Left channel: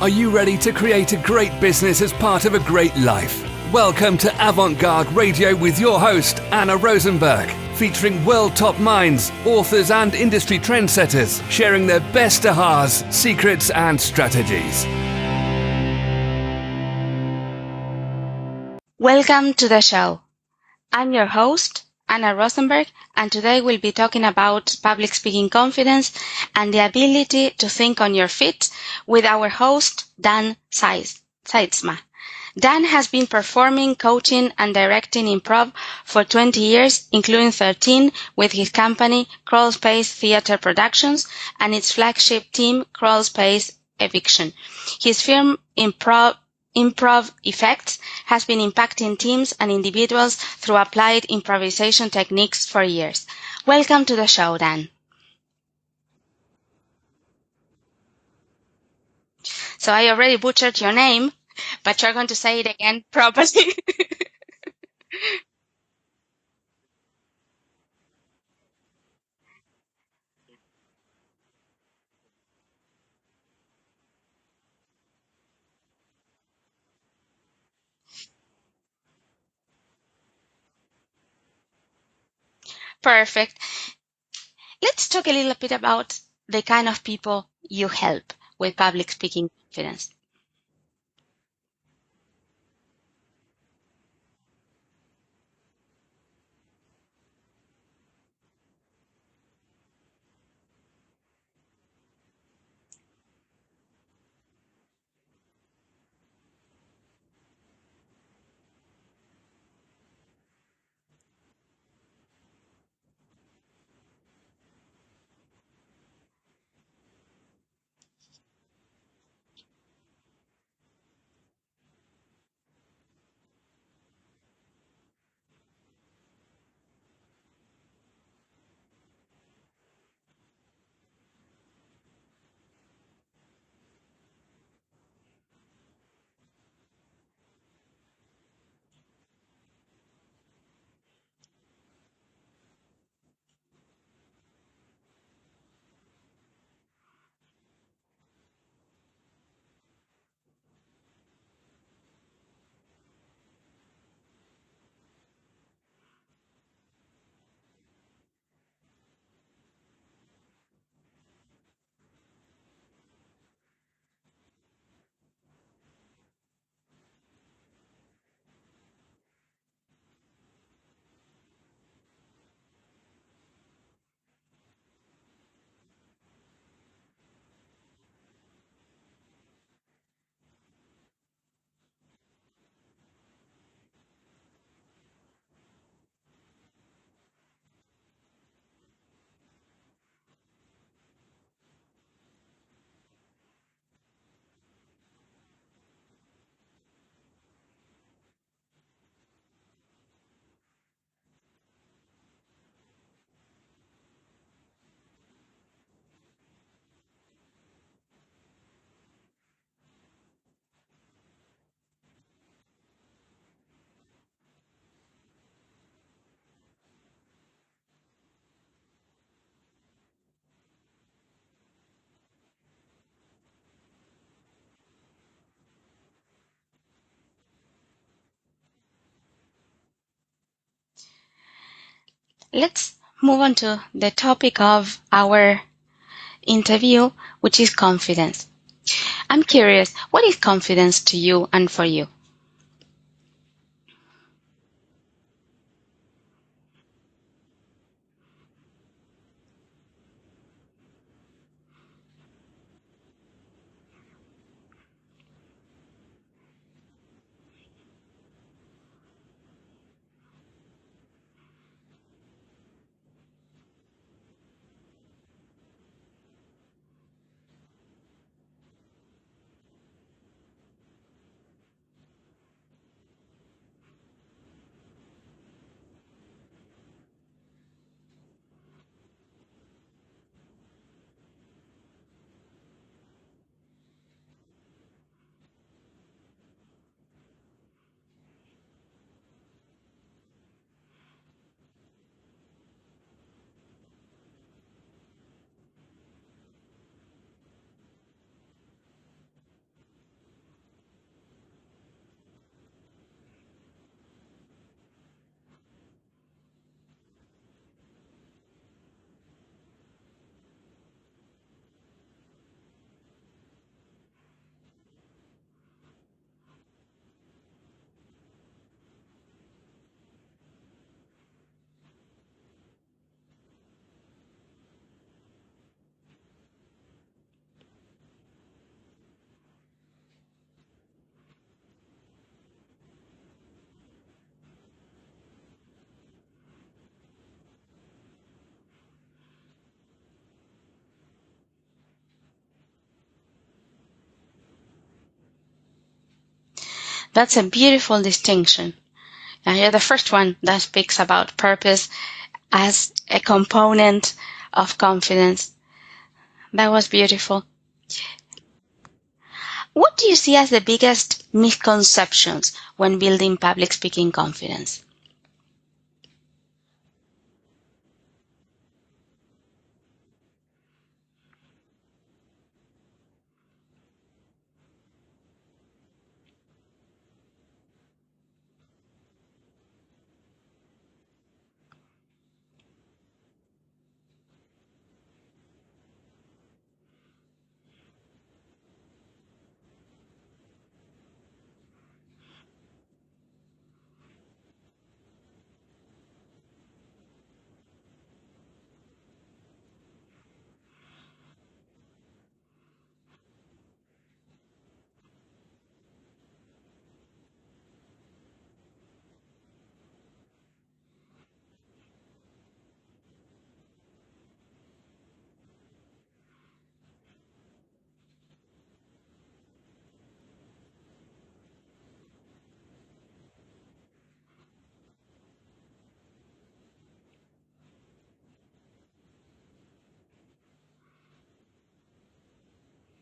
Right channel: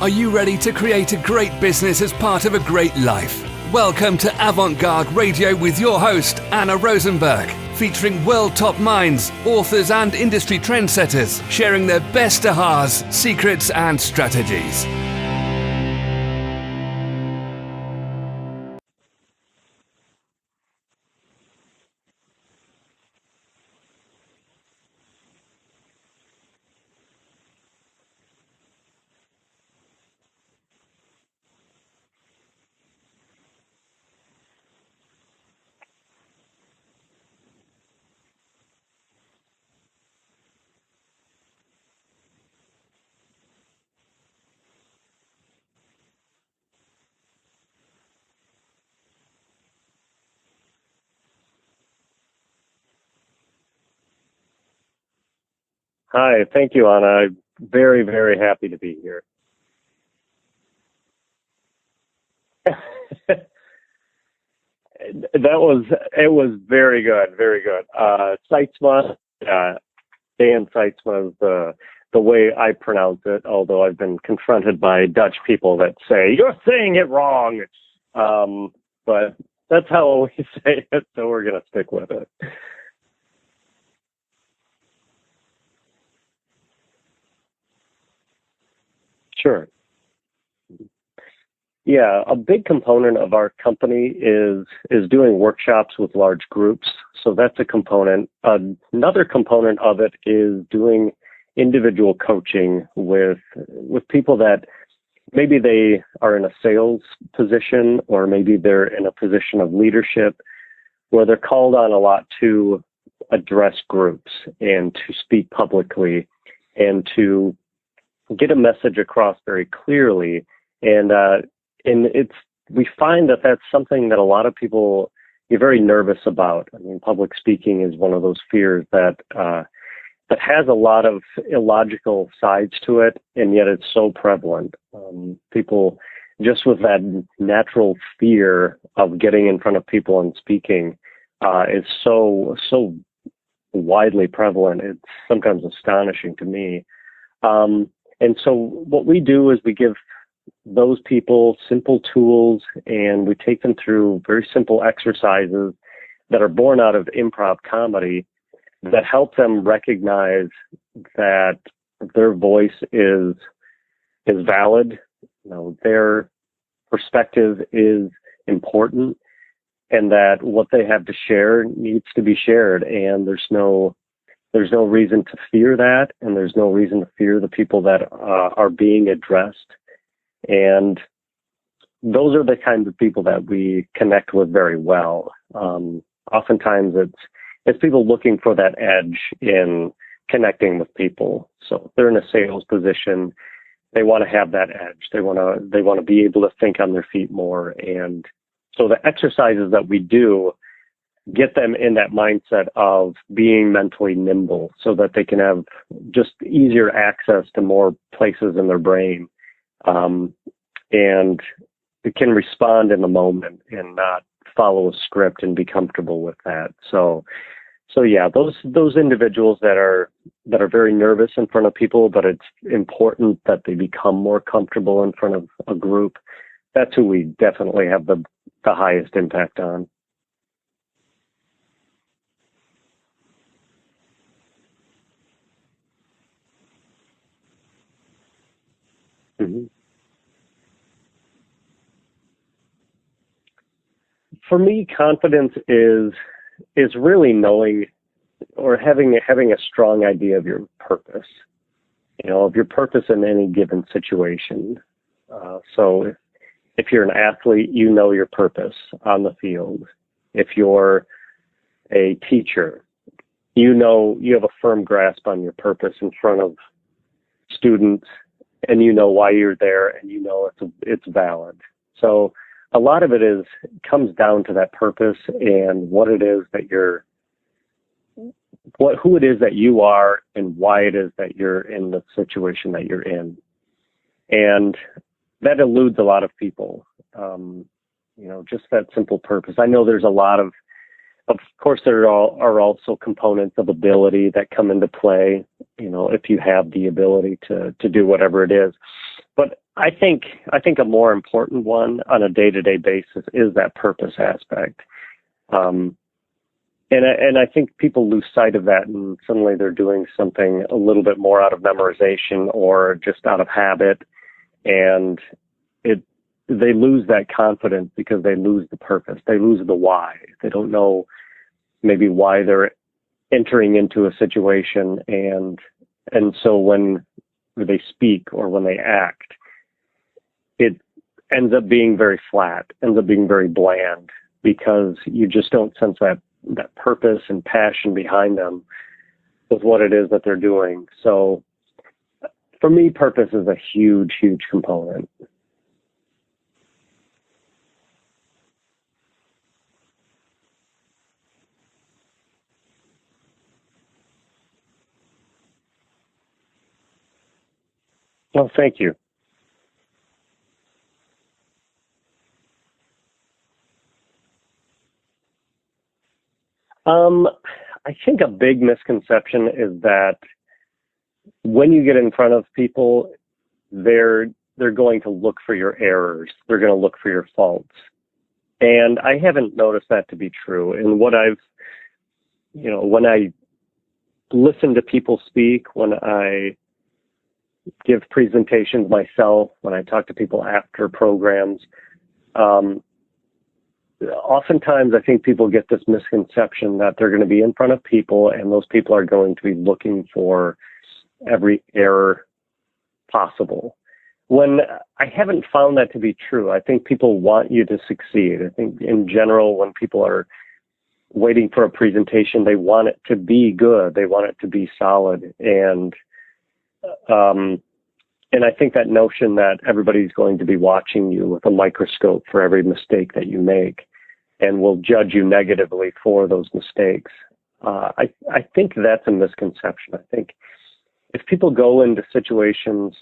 Are you ready to create a great business as part of a great life? Welcome to Avant-Garde Radio with your host, Anna Rosenberg, featuring world top minds, authors and industry trendsetters, sharing their best ahas, secrets and strategies. Welcome to the show. I'm your host, Anna Rosenberg, and today we'll be talking about public speaking confidence and the ability to think on your feet with our host, Dann Sytsma. Dan has been performing, coaching, and directing improv for 20 years, including 13 with his company, Crawl Space Theatre Productions, and its flagship team, Crawl Space Eviction. His firm, Improv Effects, has been impacting teams and individuals through applied improvisation techniques for years. Welcome to the show, Dan. Hi, thank you, Anna. I'm very, very happy to be here. So I already butchered your name, but you're going to say it again properly. It was very good, very good. Sytsma, Dan Sytsma is the way I pronounce it, although I've been confronted by Dutch people that say, you're saying it wrong. But that's how we say it, so we're going to stick with it. Perfect. Let's talk a little bit about the kind of people you help with public speaking confidence. Yeah, a big component of our company is doing workshops with large groups. So that's a component. Another component of it is doing individual coaching with people that maybe they are in a sales position or maybe they're in a position of leadership where they're called on a lot to address groups and to speak publicly and to get a message across very clearly. And we find that that's something that a lot of people get very nervous about. I mean, public speaking is one of those fears that has a lot of illogical sides to it, and yet it's so prevalent. People just with that natural fear of getting in front of people and speaking is so widely prevalent. It's sometimes astonishing to me. And so what we do is we give those people simple tools and we take them through very simple exercises that are born out of improv comedy that help them recognize that their voice is valid, their perspective is important, and that what they have to share needs to be shared. And there's no reason to fear that, and there's no reason to fear the people that are being addressed. And those are the kinds of people that we connect with very well. Oftentimes it's people looking for that edge in connecting with people. So if they're in a sales position, they want to have that edge. They want to be able to think on their feet more. And so the exercises that we do get them in that mindset of being mentally nimble so that they can have just easier access to more places in their brain. And it can respond in the moment and not follow a script and be comfortable with that. So yeah, those individuals that are very nervous in front of people, but it's important that they become more comfortable in front of a group. That's who we definitely have the highest impact on. Let's move on to the topic of our interview, which is confidence. I'm curious, what is confidence to you and for you? For me, confidence is really knowing or having a strong idea of your purpose, of your purpose in any given situation. So if you're an athlete, you know your purpose on the field. If you're a teacher, you have a firm grasp on your purpose in front of students, and you know why you're there, and it's valid. So a lot of it comes down to that purpose and what it is that who it is that you are and why it is that you're in the situation that you're in. And that eludes a lot of people. Just that simple purpose. I know there's a lot of course, there are also components of ability that come into play, if you have the ability to do whatever it is. But I think a more important one on a day-to-day basis is that purpose aspect. And I think people lose sight of that, and suddenly they're doing something a little bit more out of memorization or just out of habit, and they lose that confidence because they lose the purpose. They lose the why. They don't know maybe why they're entering into a situation, and so when they speak or when they act, it ends up being very flat, ends up being very bland, because you just don't sense that purpose and passion behind them with what it is that they're doing. So for me, purpose is a huge, huge component. That's a beautiful distinction. And you're the first one that speaks about purpose as a component of confidence. That was beautiful. Well, thank you. What do you see as the biggest misconceptions when building public speaking confidence? I think a big misconception is that when you get in front of people, they're going to look for your errors. They're going to look for your faults. And I haven't noticed that to be true. And when I listen to people speak, when I give presentations myself, when I talk to people after programs, oftentimes I think people get this misconception that they're going to be in front of people and those people are going to be looking for every error possible. When I haven't found that to be true. I think people want you to succeed. I think in general, when people are waiting for a presentation, they want it to be good. They want it to be solid. And I think that notion that everybody's going to be watching you with a microscope for every mistake that you make and will judge you negatively for those mistakes, I think that's a misconception. I think if people go into situations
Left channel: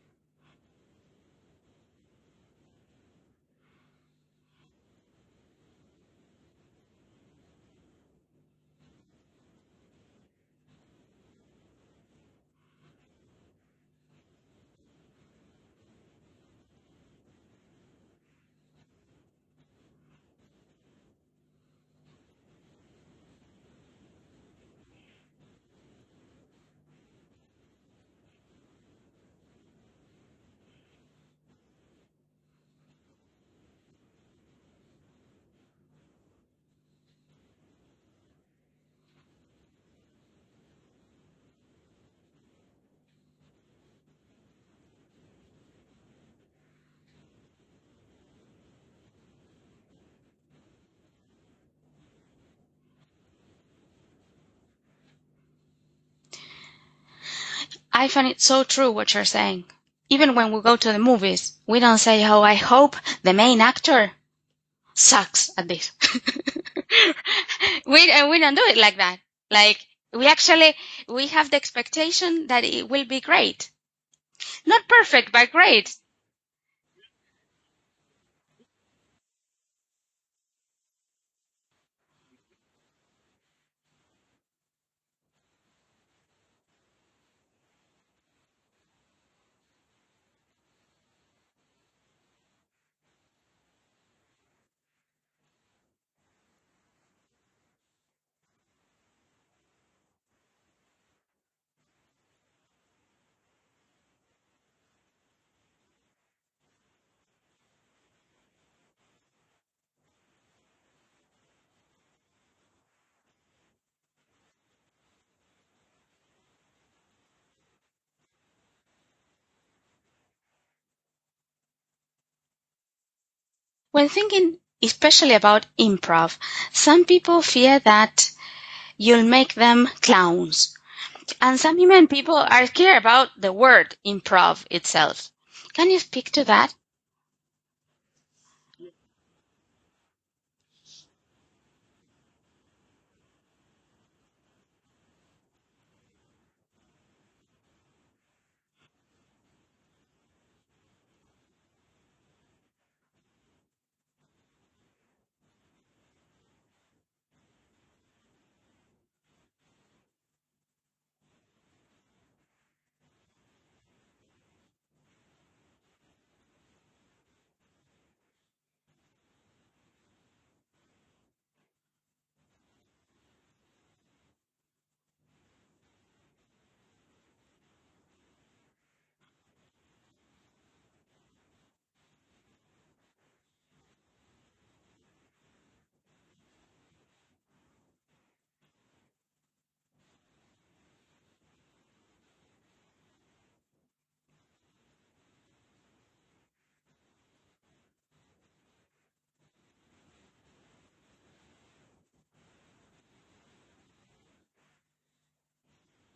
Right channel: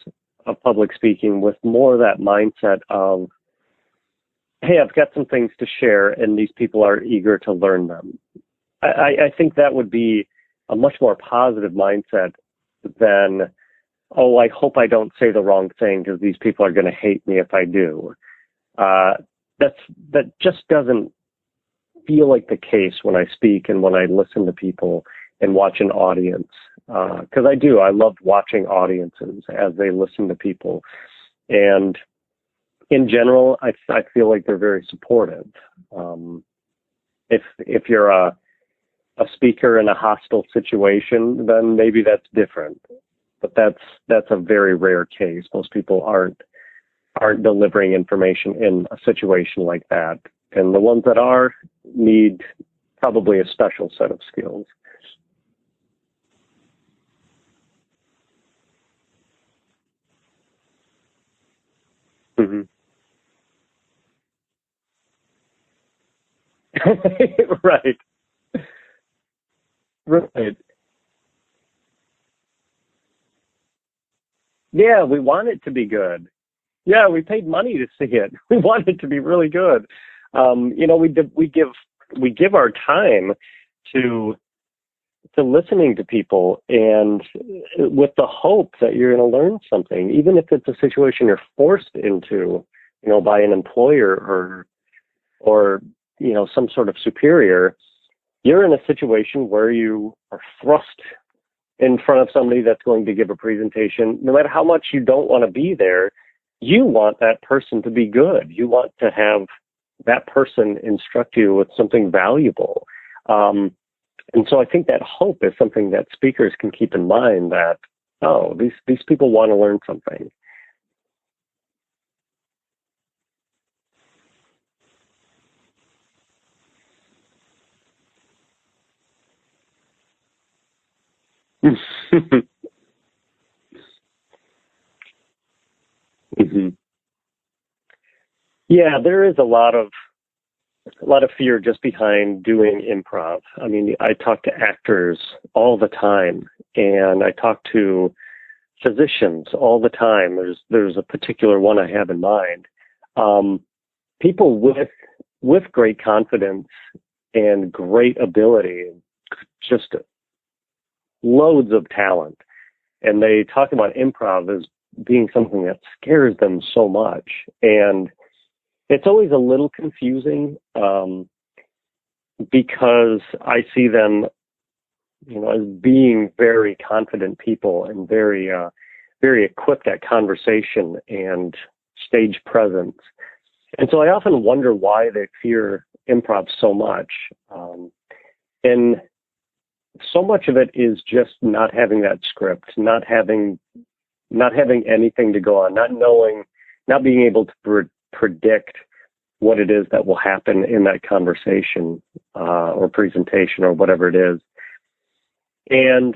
of public speaking with more of that mindset of, hey, I've got some things to share and these people are eager to learn them, I think that would be a much more positive mindset than, oh, I hope I don't say the wrong thing because these people are going to hate me if I do. That just doesn't feel like the case when I speak and when I listen to people and watch an audience. Because I love watching audiences as they listen to people. And in general, I feel like they're very supportive. If you're a speaker in a hostile situation, then maybe that's different. But that's a very rare case. Most people aren't delivering information in a situation like that. And the ones that are need probably a special set of skills. I find it so true what you're saying. Even when we go to the movies, we don't say, oh, I hope the main actor sucks at this. Right. We don't do it like that. Like, right. we have the expectation that it will be great. Not Yeah, perfect, we want but it great. to be good. Yeah, we paid money to see it. We want it to be really good. We give our time to listening to people, and with the hope that you're going to learn something, even if it's a situation you're forced into, by an employer or some sort of superior. You're in a situation where you are thrust in front of somebody that's going to give a presentation. No matter how much you don't want to be there, you want that person to be good. You want to have that person instruct you with something valuable. And so I think that hope is something that speakers can keep in mind, that, oh, these people want to learn something. When thinking especially about improv, some people fear that you'll make them clowns. And some human people are scared about the word improv itself. Can you speak to that? Yeah, there is a lot of fear just behind doing improv. I mean, I talk to actors all the time, and I talk to physicians all the time. There's a particular one I have in mind. People with great confidence and great ability, just loads of talent, and they talk about improv as being something that scares them so much. And it's always a little confusing because I see them, as being very confident people and very, very equipped at conversation and stage presence. And so I often wonder why they fear improv so much. And so much of it is just not having that script, not having anything to go on, not being able to predict what it is that will happen in that conversation or presentation or whatever it is. And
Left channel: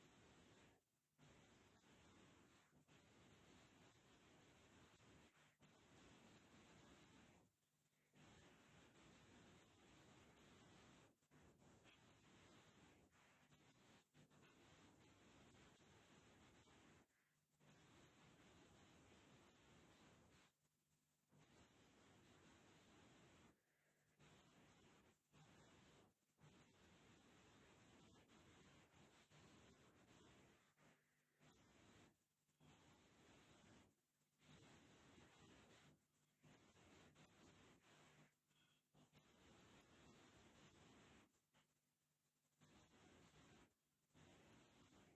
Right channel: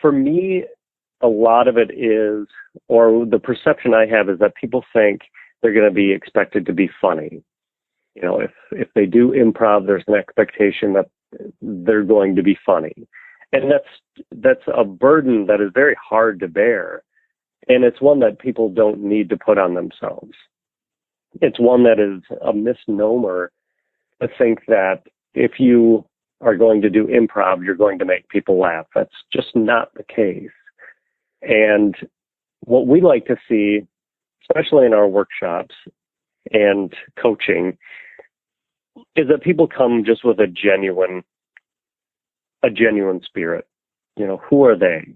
for me, a lot of it is, or the perception I have is that people think they're going to be expected to be funny. If they do improv, there's an expectation that they're going to be funny. And that's a burden that is very hard to bear. And it's one that people don't need to put on themselves. It's one that is a misnomer to think that if you are going to do improv, you're going to make people laugh. That's just not the case. And what we like to see, especially in our workshops and coaching, is that people come just with a genuine spirit. Who are they?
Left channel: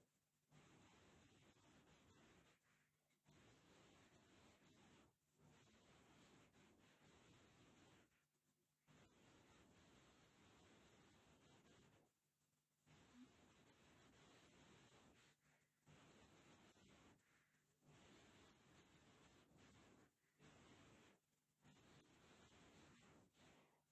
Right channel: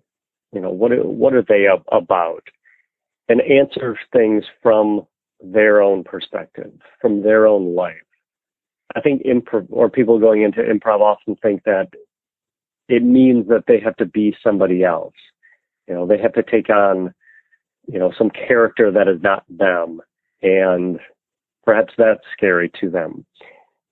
What are they about? And answer things from their own perspective, from their own life. I think improv, or people going into improv, often think that it means that they have to be somebody else. They have to take on, some character that is not them, and perhaps that's scary to them.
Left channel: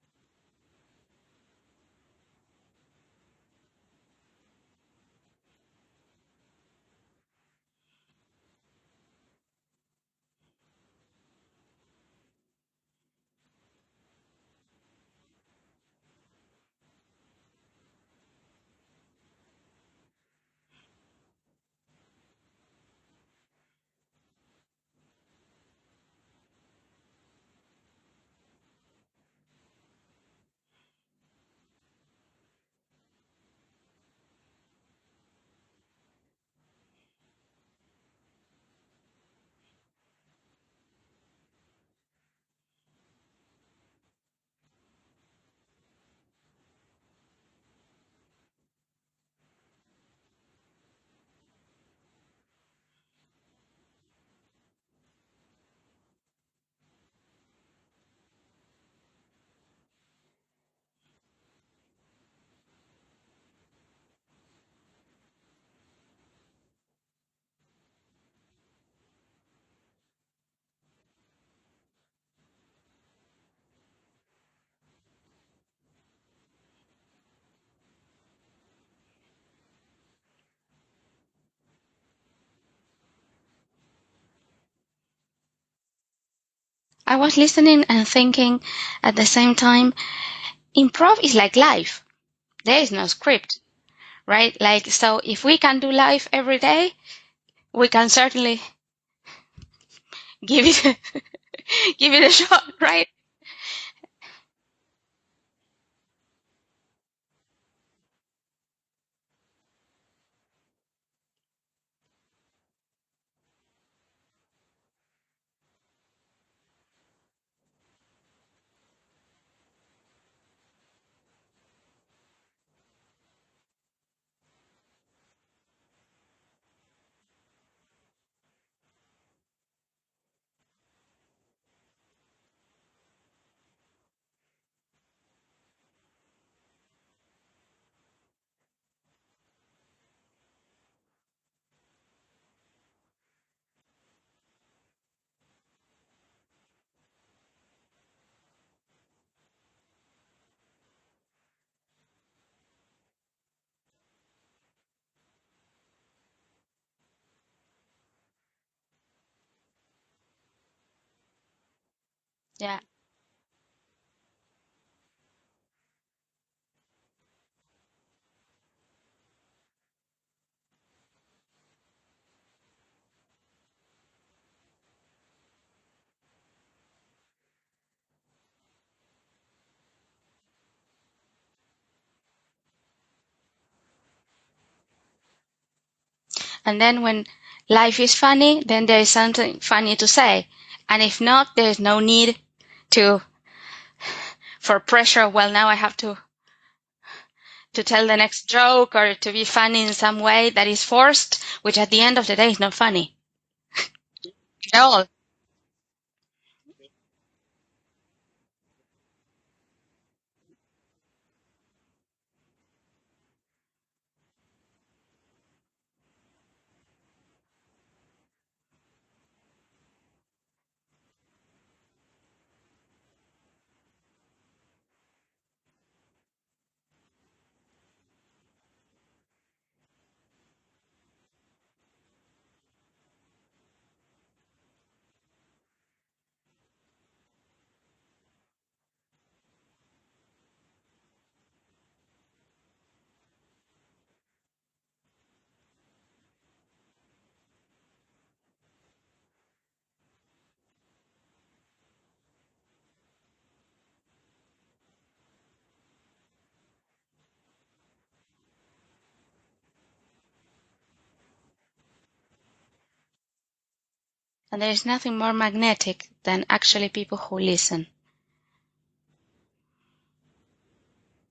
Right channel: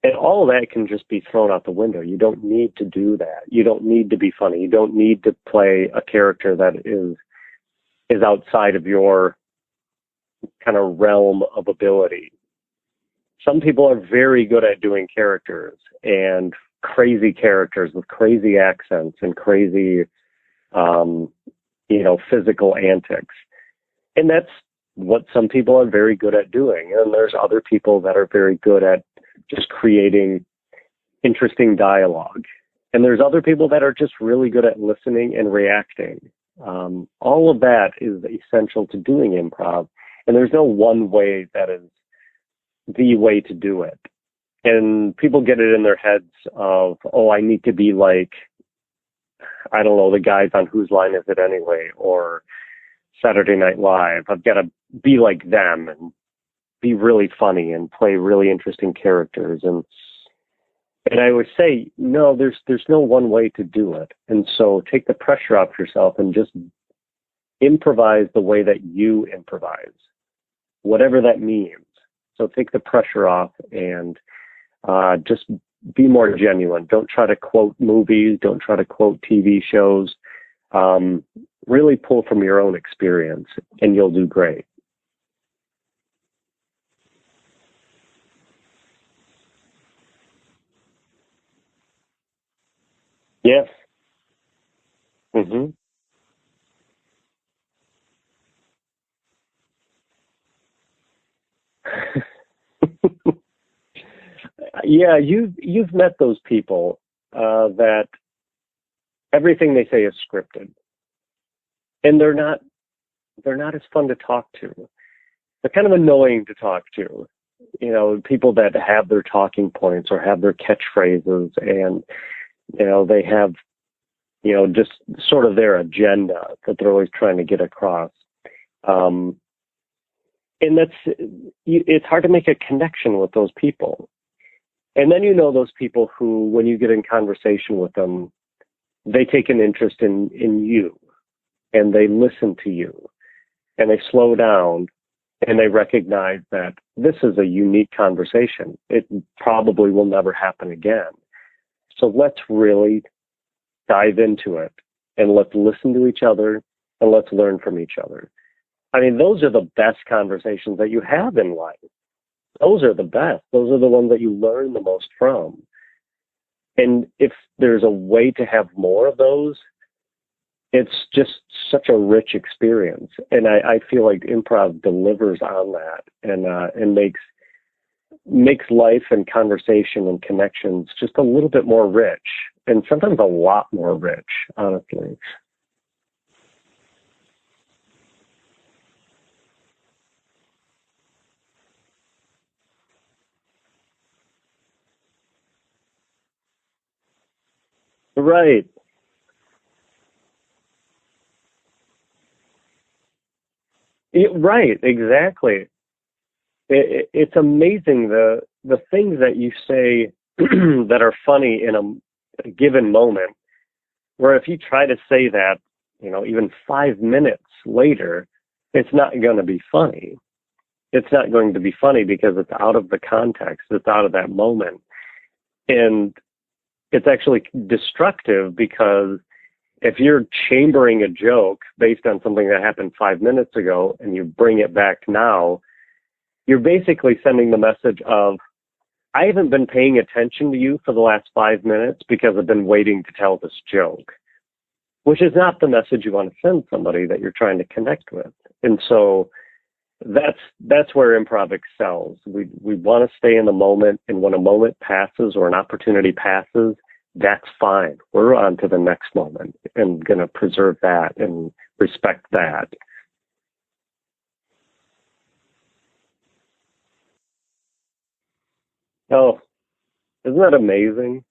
And all of that can just be thrown out the window. You don't need to do that. You don't need to be funny. You don't need to play a character that is outside of your kind of realm of ability. Some people are very good at doing characters, and crazy characters with crazy accents and crazy, physical antics. And that's what some people are very good at doing. And there's other people that are very good at just creating interesting dialogue. And there's other people that are just really good at listening and reacting. All of that is essential to doing improv. And there's no one way that is the way to do it. And people get it in their heads of, I need to be like, I don't know, the guys on Whose Line Is It Anyway, or Saturday Night Live. I've got to be like them and be really funny and play really interesting characters. And I would say, no, there's no one way to do it. And so take the pressure off yourself and just improvise the way that you improvise, whatever that means. So take the pressure off and just be more genuine. Don't try to quote movies. Don't try to quote TV shows. Really pull from your own experience, and you'll do great. I was listening and thinking at the same time, improv is like life. There is no script, Yeah. right? So if we can do life every day, we can certainly give it a shot, right? Yeah, you've met those people that everything they say is scripted, and they're not as fun to talk to. They're kind of annoying to talk to. People that have their talking points or have their catchphrases, and they have just sort of their agenda that they're always trying to get across. And it's hard to make a connection with those people. And then those people who, when you get in conversation with them, they take an interest in you, and they listen to you, and they slow down, and they recognize that this is a unique conversation. It probably will never happen again. So let's really dive into it, and let's listen to each other, and let's learn from each other. I mean, those are the best conversations that you have in life. Those are the best. Those are the ones that you learn the most from. And if there's a way to have more of those, it's just such a rich experience. And I feel like improv delivers on that and makes life and conversation and connections just a little bit more rich, and sometimes a lot more rich, honestly. And then when life is funny, then there is something funny to say. And if not, there is no need for pressure. Well, now I have to tell the next Right. joke or to be funny in some way that is forced, which at the end of the day is not funny. Right, No. exactly. It's amazing the things that you say that are funny in a given moment, where if you try to say that, even 5 minutes later, it's not going to be funny. It's not going to be funny because it's out of the context. It's out of that moment. And it's actually destructive, because if you're chambering a joke based on something that happened 5 minutes ago and you bring it back now, you're basically sending the message of, I haven't been paying attention to you for the last 5 minutes because I've been waiting to tell this joke, which is not the message you want to send somebody that you're trying to connect with. And so that's where improv excels. We want to stay in the moment, and when a moment passes or an opportunity passes, that's fine. We're on to the next moment and going to preserve that and respect that. And there is nothing more magnetic than actually people who listen. Oh, isn't that amazing?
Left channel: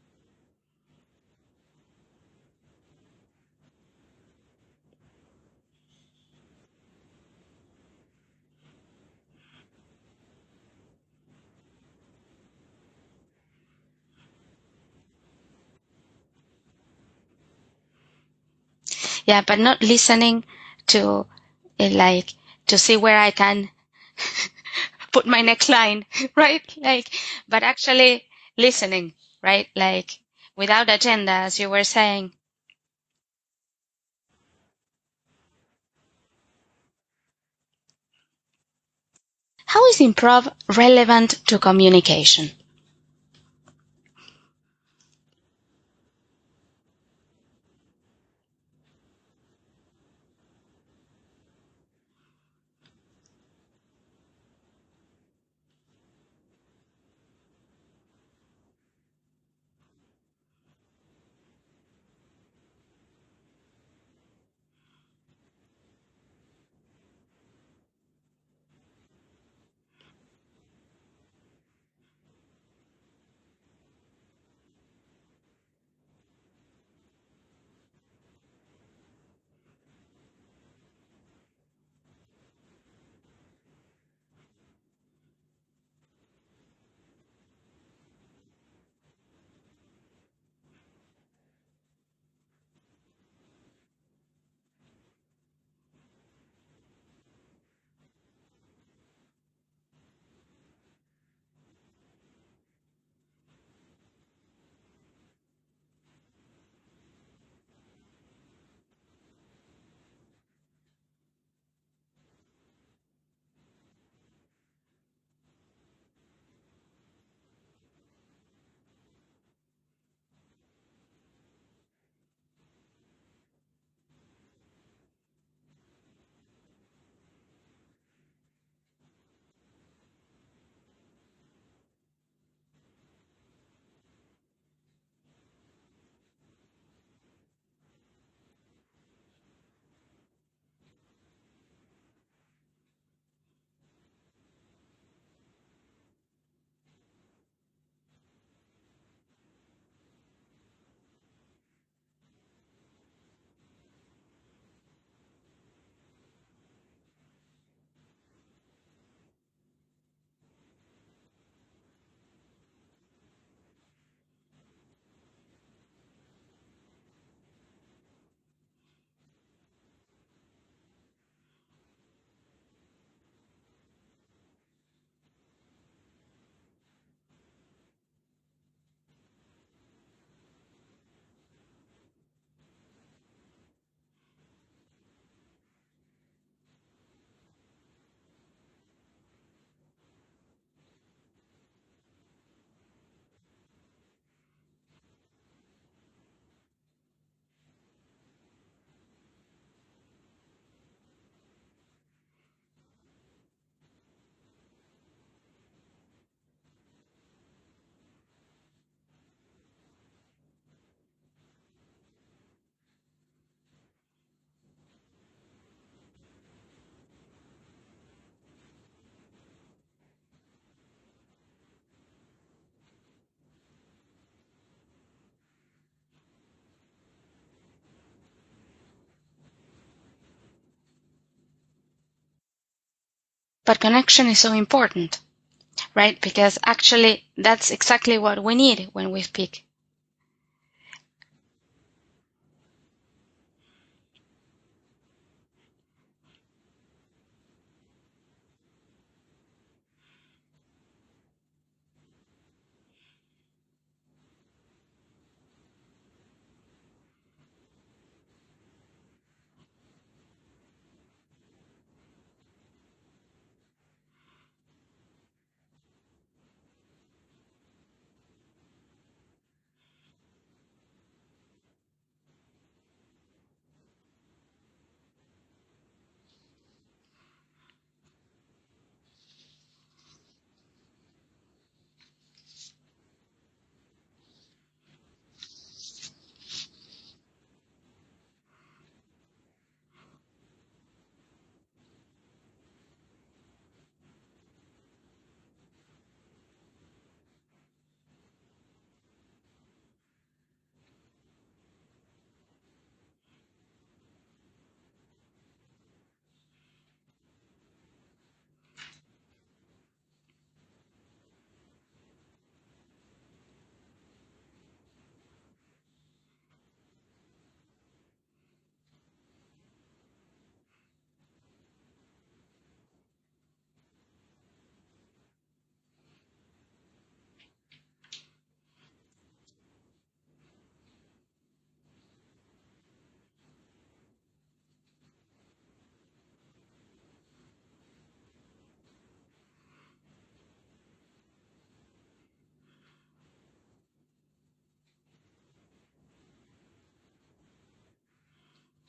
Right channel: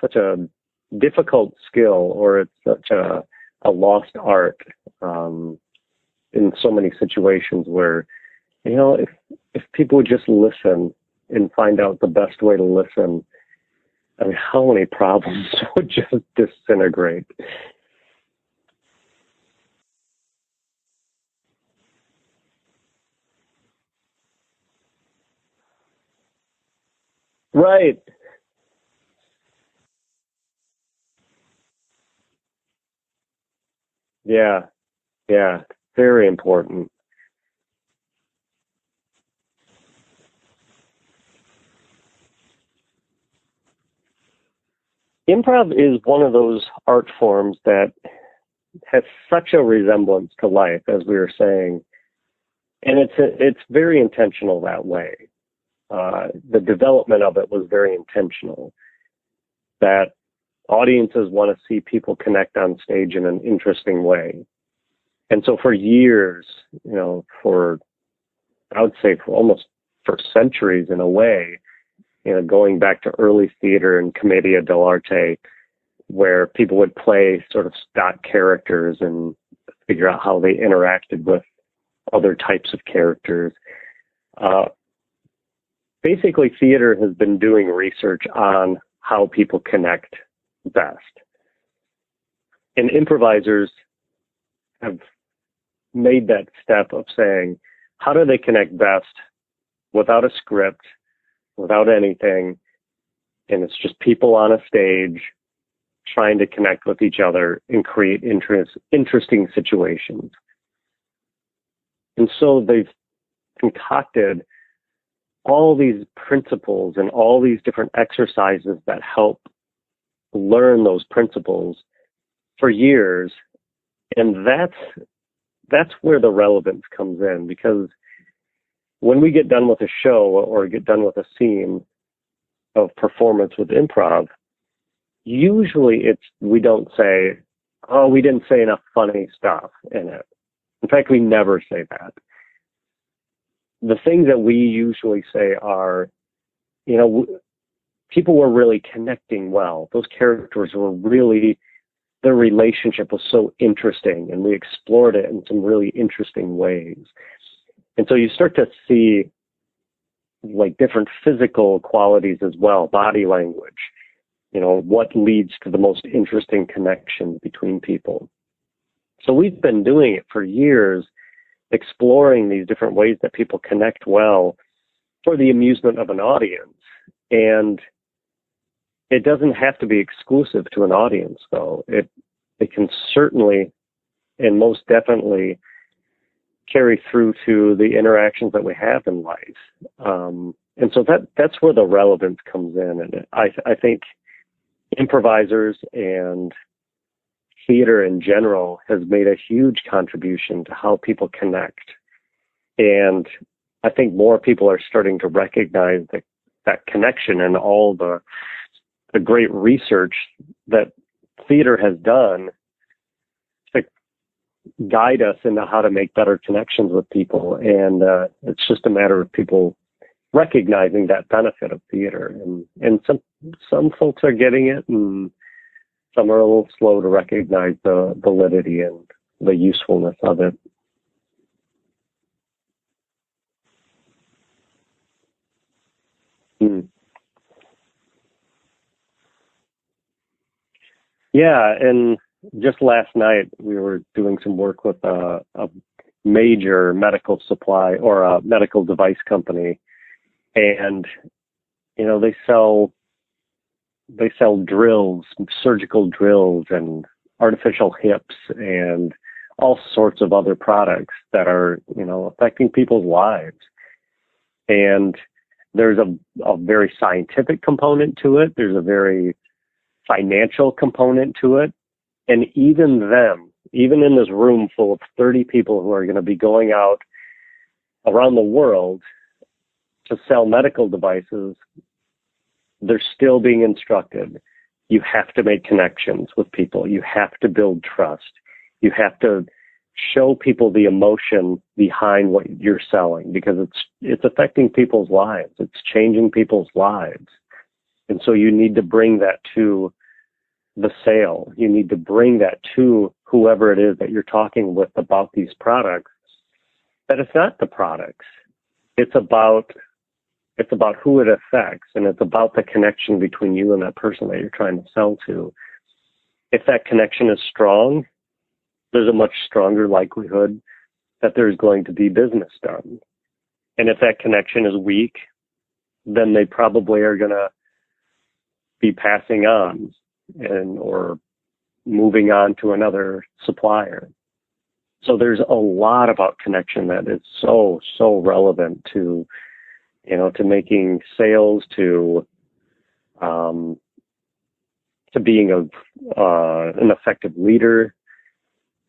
Such a difficult skill, or it's such a lost art in so many situations where, if people would just listen and find out the best way to listen, I mean, how many problems would just disintegrate? Yeah, but not listening to to see where I can put my next line, right? But Right. actually listening, right? Without agenda, as you were saying. Yeah, very important. How is improv relevant to communication? Improv is one of those art forms that has such a resemblance to life, as we were saying, and it's very intentional that way. The development of it was very intentional, that audiences want to see people connect on stage in an interesting way. And so for years, I would say for centuries in a way, going back to early theater and commedia dell'arte, where people would play sort of stock characters and figure out how they interacted with other types of characters. Basically, theater has been doing research on how people connect best. And improvisers have made that step of saying, how do they connect best without a script, without anything, and it's just people on a stage trying to connect with each other and create interesting situations. And so they've concocted all these principles and all these different exercises that help learn those principles for years. And that's where the relevance comes in, because when we get done with a show or get done with a scene of performance with improv, usually we don't say, oh, we didn't say enough funny stuff in it. In fact, we never say that. The things that we usually say are, people were really connecting well. Those characters were really, their relationship was so interesting, and we explored it in some really interesting ways. And so you start to see different physical qualities as well, body language, what leads to the most interesting connections between people. So we've been doing it for years, exploring these different ways that people connect well for the amusement of an audience. And it doesn't have to be exclusive to an audience, though. It can certainly and most definitely carry through to the interactions that we have in life. And so that's where the relevance comes in. And I think improvisers and theater in general has made a huge contribution to how people connect. And I think more people are starting to recognize that connection and all the great research that theater has done to guide us into how to make better connections with people. And it's just a matter of people recognizing that benefit of theater. And some folks are getting it, and some are a little slow to recognize the validity and the usefulness of it. But connection is so important, right? Because actually that's exactly what we need when we speak. Yeah, and just last night we were doing some work with a major medical supply or a medical device company, and they sell drills, surgical drills, and artificial hips, and all sorts of other products that are affecting people's lives. And there's a very scientific component to it. There's a very financial component to it. And even in this room full of 30 people who are going to be going out around the world to sell medical devices, they're still being instructed. You have to make connections with people. You have to build trust. You have to show people the emotion behind what you're selling, because it's affecting people's lives. It's changing people's lives. And so you need to bring that to the sale. You need to bring that to whoever it is that you're talking with about these products, that it's not the products. It's about who it affects, and it's about the connection between you and that person that you're trying to sell to. If that connection is strong, there's a much stronger likelihood that there's going to be business done. And if that connection is weak, then they probably are going to be passing on or moving on to another supplier. So there's a lot about connection that is so relevant to making sales, to being an effective leader.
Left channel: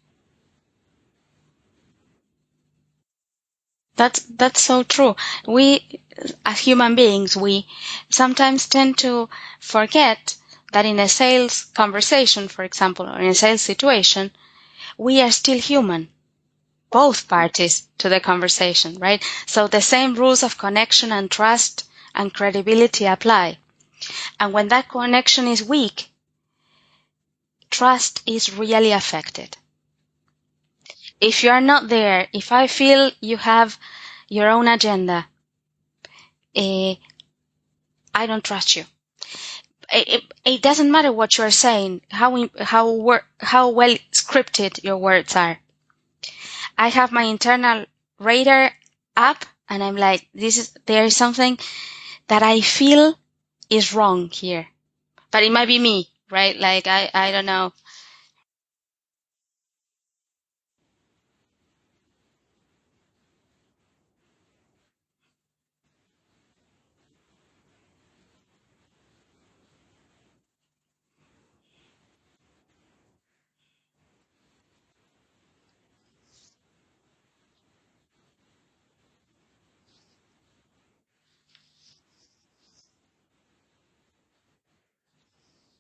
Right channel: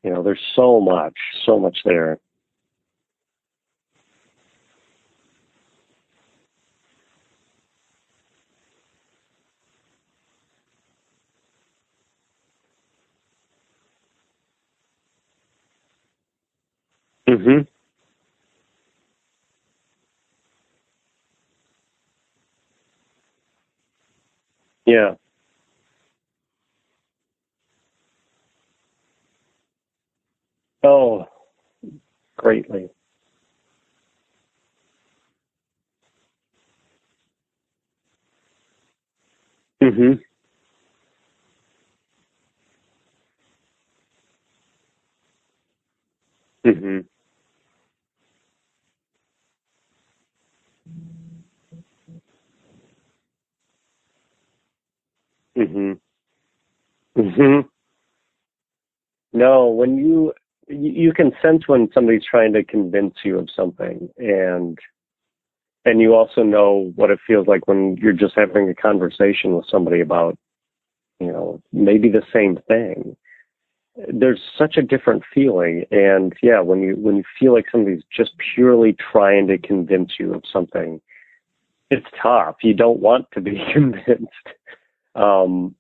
There's so much there. That's so true. We, as human beings, we sometimes tend to forget that in a sales conversation, for example, or in a sales situation, we are still human, both parties to the conversation, right? So the same rules of connection and trust and credibility apply. And when that connection is weak, trust is really affected. Oh, if you are not there, if I feel you have your own agenda, I don't trust you. It doesn't matter what you are saying, how well scripted your words are. I have my internal radar up, and I'm like, there is something that I feel is wrong here, but it might be me, right? Like I don't know. No, when you can sense when somebody's trying to convince you of something, and you also know what it feels like when you're just having a conversation with somebody about, maybe the same thing. There's such a different feeling. And when you feel like somebody's just purely trying to convince you of something, it's tough. You don't want to be convinced. And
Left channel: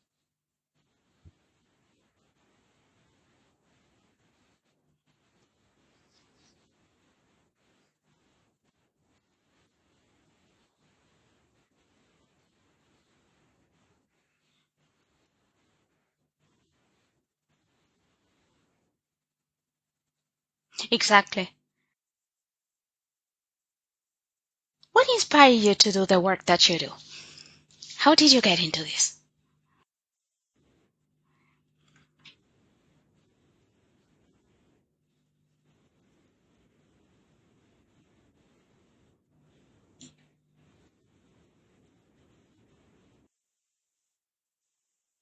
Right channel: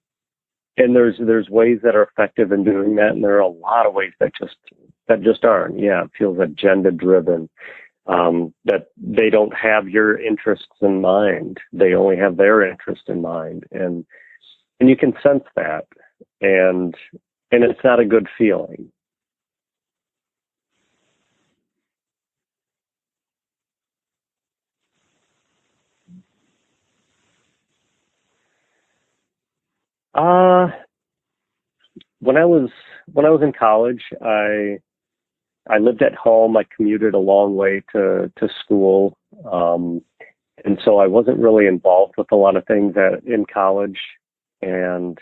there's ways that are effective in doing that, and there are a lot of ways that just aren't. Yeah, it feels agenda driven. That they don't have your interests in mind. They only have their interest in mind. And you can sense that. And it's not a good feeling. Exactly. What inspired you to do the work that you do? How did you get into this? When I was in college, I lived at home. I commuted a long way to school. And so I wasn't really involved with a lot of things in college. And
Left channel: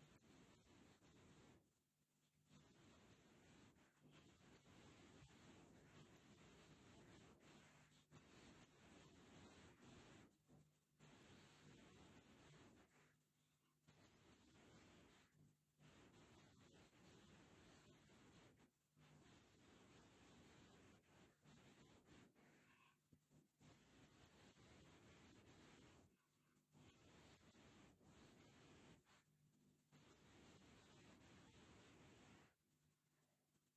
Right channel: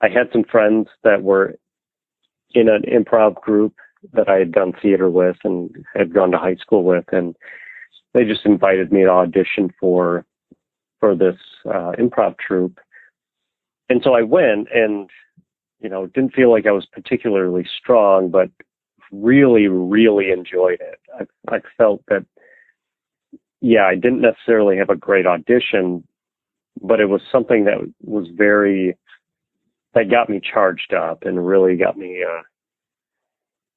I had some friends that were in an improv group that I had done theater with and had gone to high school with. And they just invited me to audition for this improv troupe. And so I went, and, didn't feel like I was particularly strong, but really, really enjoyed it. I felt that, I didn't necessarily have a great audition, but it was something that was that got me charged up and really got me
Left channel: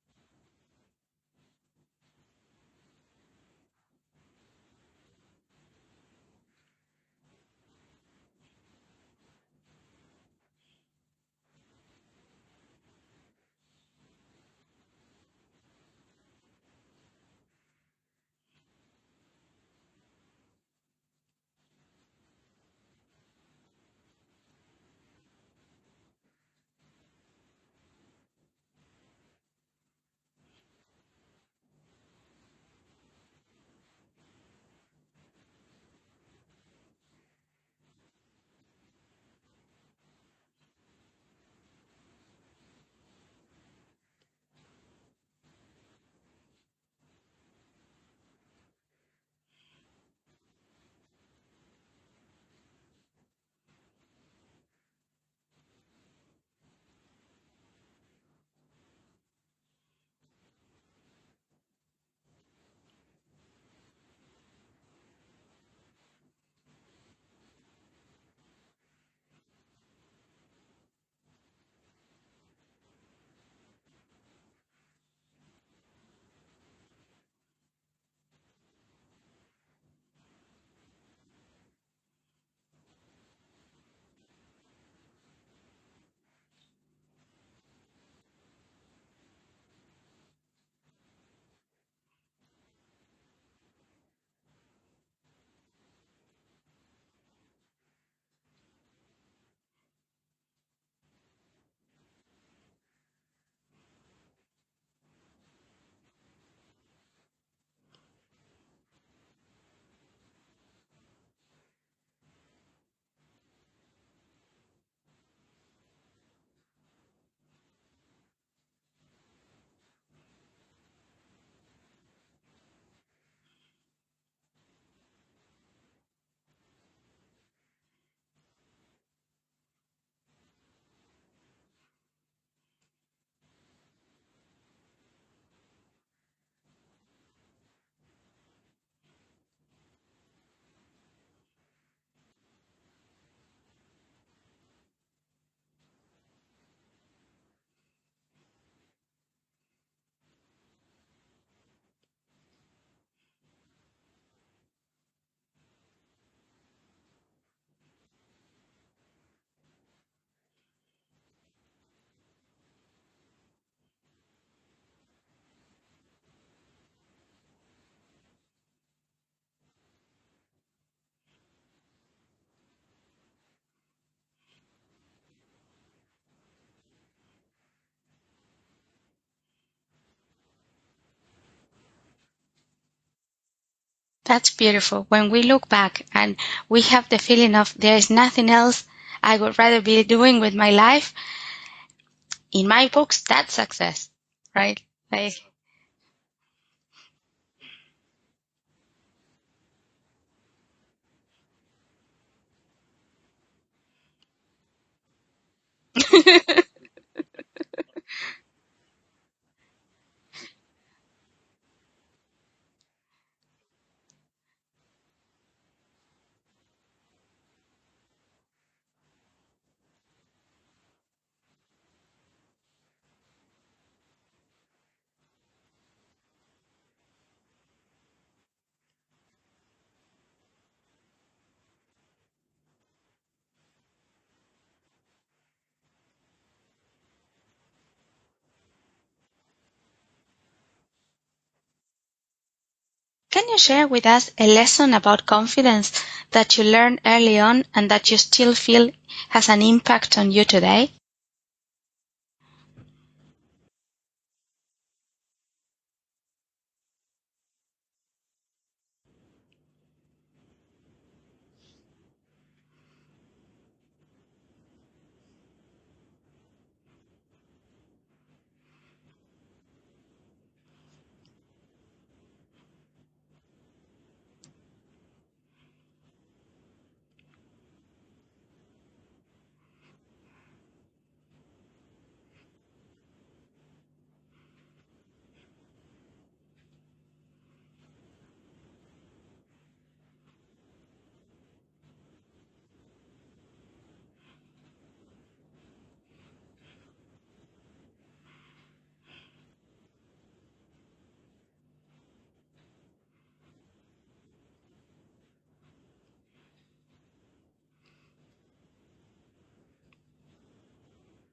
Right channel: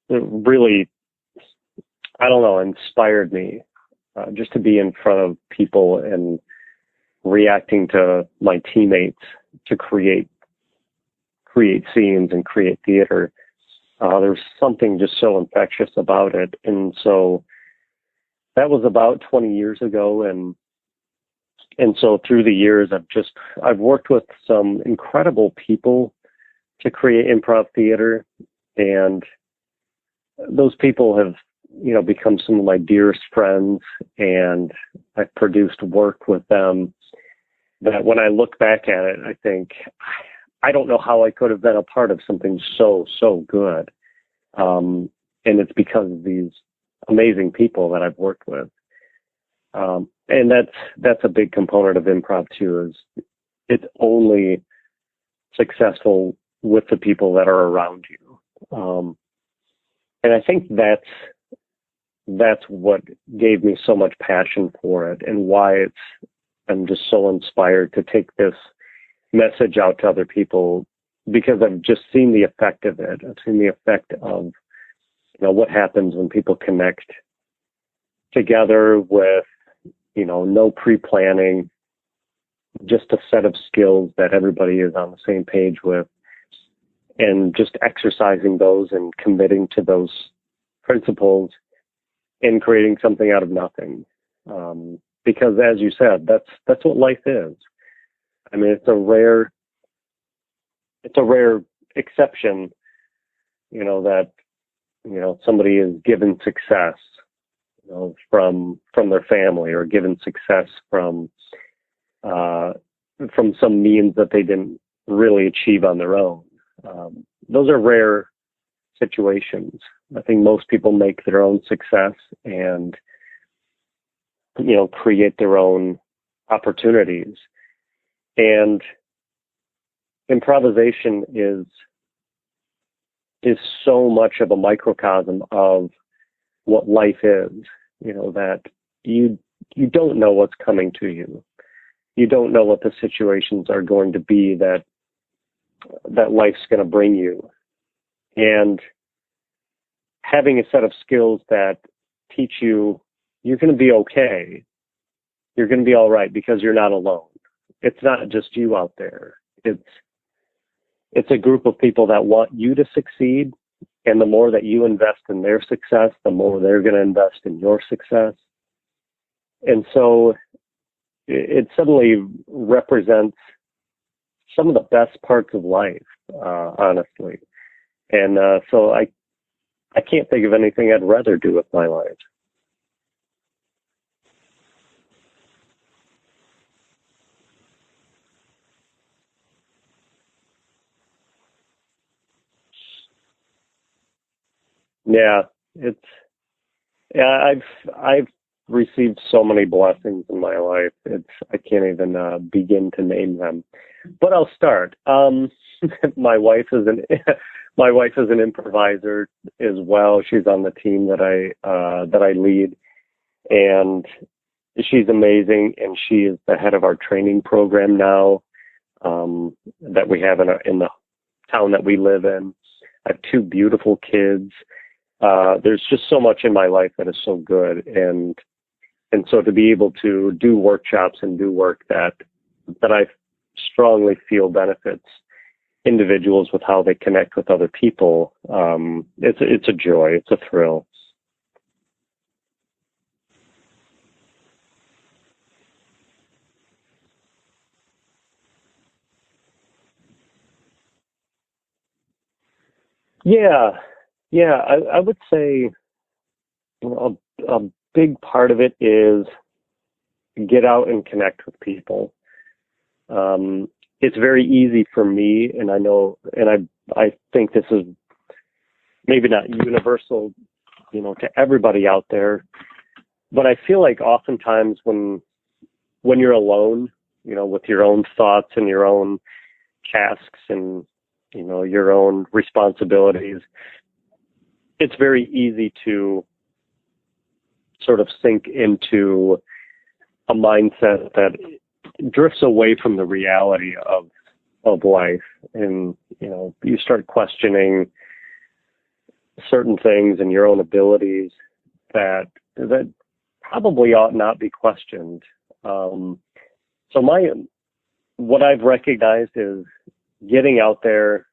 really, I don't know, inspired me just to be in front of people and reacting to my teammates to create scenes and create theater. There's something just so infectious about it. And so that was about 20 years ago. And so through the years, I've worked with some incredible people to create improv theater. And those people have, become some of my dearest friends. And I've produced work with them that when I look back at it, I think, I don't know how I could have been a part of something so good. And it's because of these amazing people that I've worked with. And that's a big component of improv too, is it's only successful with the people that are around you. And I think that's what gave me so much passion for it, and why I'm just so inspired to take this message out to other people, because I've just seen the effect of it. I've seen the effect of, what happens when people connect together with, no pre-planning, just a set of skills that everybody is on the same page with, and just exercising those and committing to those principles and creating something out of nothing. Because as you said, that's what life is. I mean, it's a rare exception, that, somebody is given success, from their family, or given success from some means that they didn't really achieve on their own. Those are rare situations. I think most people make their own success and, create their own opportunities. And improvisation is so much of a microcosm of what life is, that you don't know what's coming to you. You don't know what the situations are going to be that life's going to bring you. And having a set of skills that teach you you're going to be okay. You're going to be all right because you're not alone. It's not just you out there. It's a group of people that want you to succeed. And the more that you invest in their success, the more they're going to invest in your success. And so it suddenly represents some of the best parts of life, honestly. And so I can't think of anything I'd rather do with my life. That's beautiful. When we look back and we have the feeling of there is nothing else I would rather be doing with my life, in my books, that's success, right? Yeah, I've received so many blessings in my life. I can't even begin to name them. But I'll start. My wife is an improviser as well. She's on the team that I lead, and she's amazing. And she is the head of our training program now that we have in the town that we live in. I have two beautiful kids. There's just so much in my life that is so good, and so to be able to do workshops and do work that I strongly feel benefits individuals with how they connect with other people, it's a joy, it's a thrill. Can you share with us a lesson about confidence that you learned early on and that you still feel has an impact on you today? Yeah. I would say a big part of it is get out and connect with people. It's very easy for me, and I know, and I think this is maybe not universal, to everybody out there, but I feel like oftentimes when you're alone, with your own thoughts and your own tasks and, your own responsibilities, it's very easy to sort of sink into a mindset that drifts away from the reality of life. And, you start questioning certain things and your own abilities that probably ought not be questioned. So what I've recognized is getting out there,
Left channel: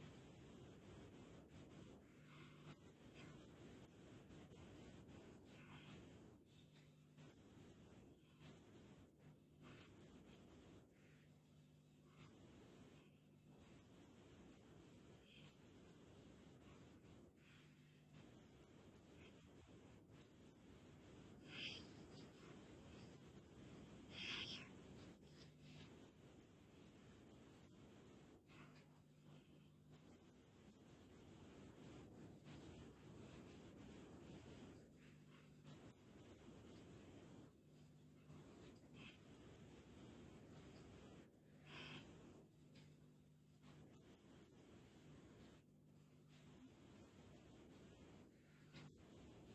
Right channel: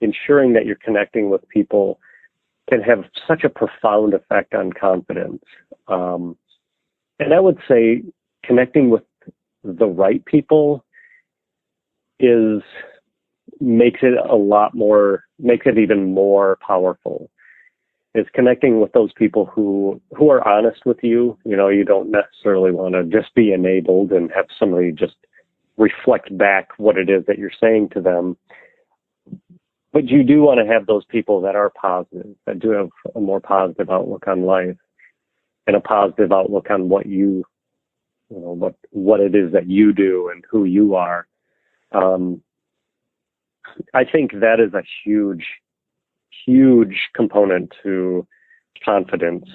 ensuring that you're connecting with people can have such a profound effect on confidence. And I would say connecting with the right people makes it even more powerful. Is connecting with those people who are honest with you. You don't necessarily want to just be enabled and have somebody just reflect back what it is that you're saying to them. But you do want to have those people that are positive, that do have a more positive outlook on life and a positive outlook on what what it is that you do and who you are. I think that is a huge component to confidence,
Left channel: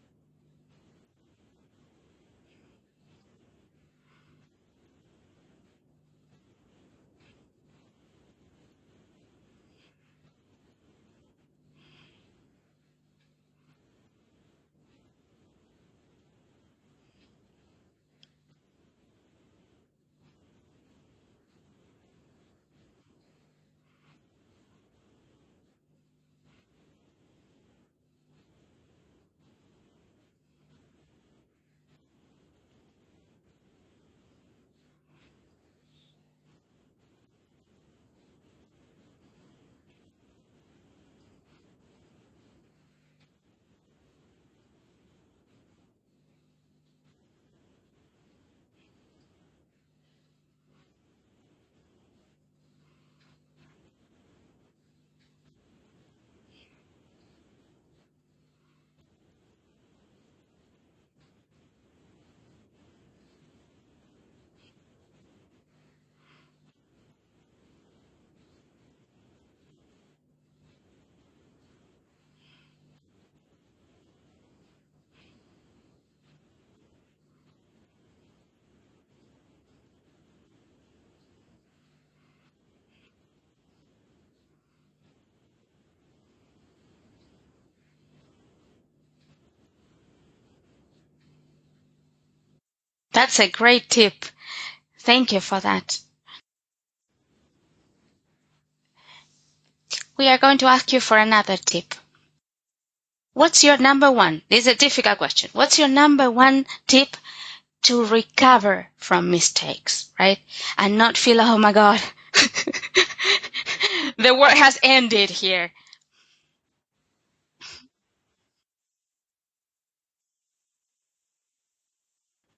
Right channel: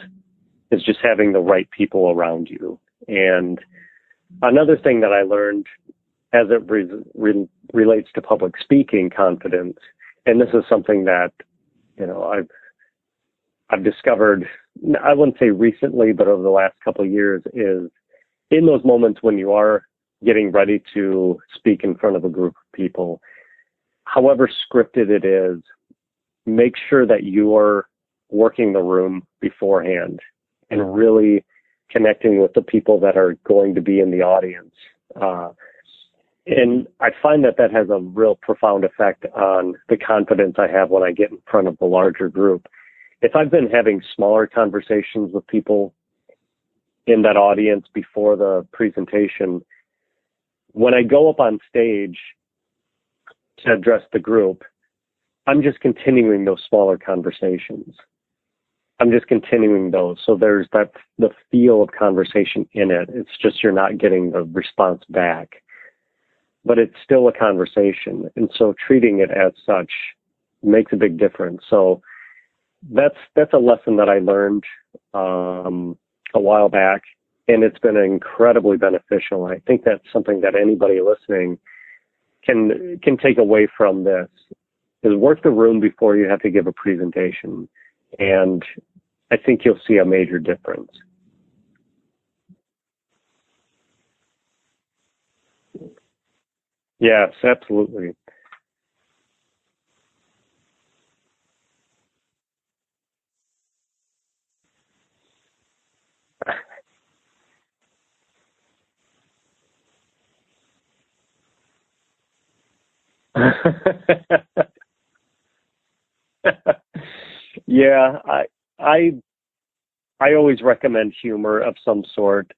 is just having the right people around you. And another thing that I learned as it relates to public speaking confidence, and this is something that, I've discovered, I wouldn't say recently, but over the last couple of years, is in those moments when you are getting ready to speak in front of a group of people, however scripted it is, make sure that you are working the room beforehand and really connecting with the people that are going to be in the audience. And I find that has a real profound effect on the confidence I have when I get in front of the larger group. If I've been having smaller conversations with people in that audience before the presentation, when I go up on stage to address the group, I'm just continuing those smaller conversations. I'm just continuing those. So there's the feel of conversation in it. It's just you're not getting the response back, but it's still a conversation. And so treating it as such makes a big difference. So that's a lesson that I learned a while back, and it's been incredibly beneficial. I think that's something that anybody listening can take away from this, is work the room before you have to give a presentation. And I think you'll see a major difference. That's a great tip. Thank you for that. Yes, absolutely. We are going to ask you for another tip. What's your number one? This is a difficult question. What's your number one tip to recover from mistakes, right? And not feel, oh my God, the work has ended here. Yeah, I always recommend humor of some sort.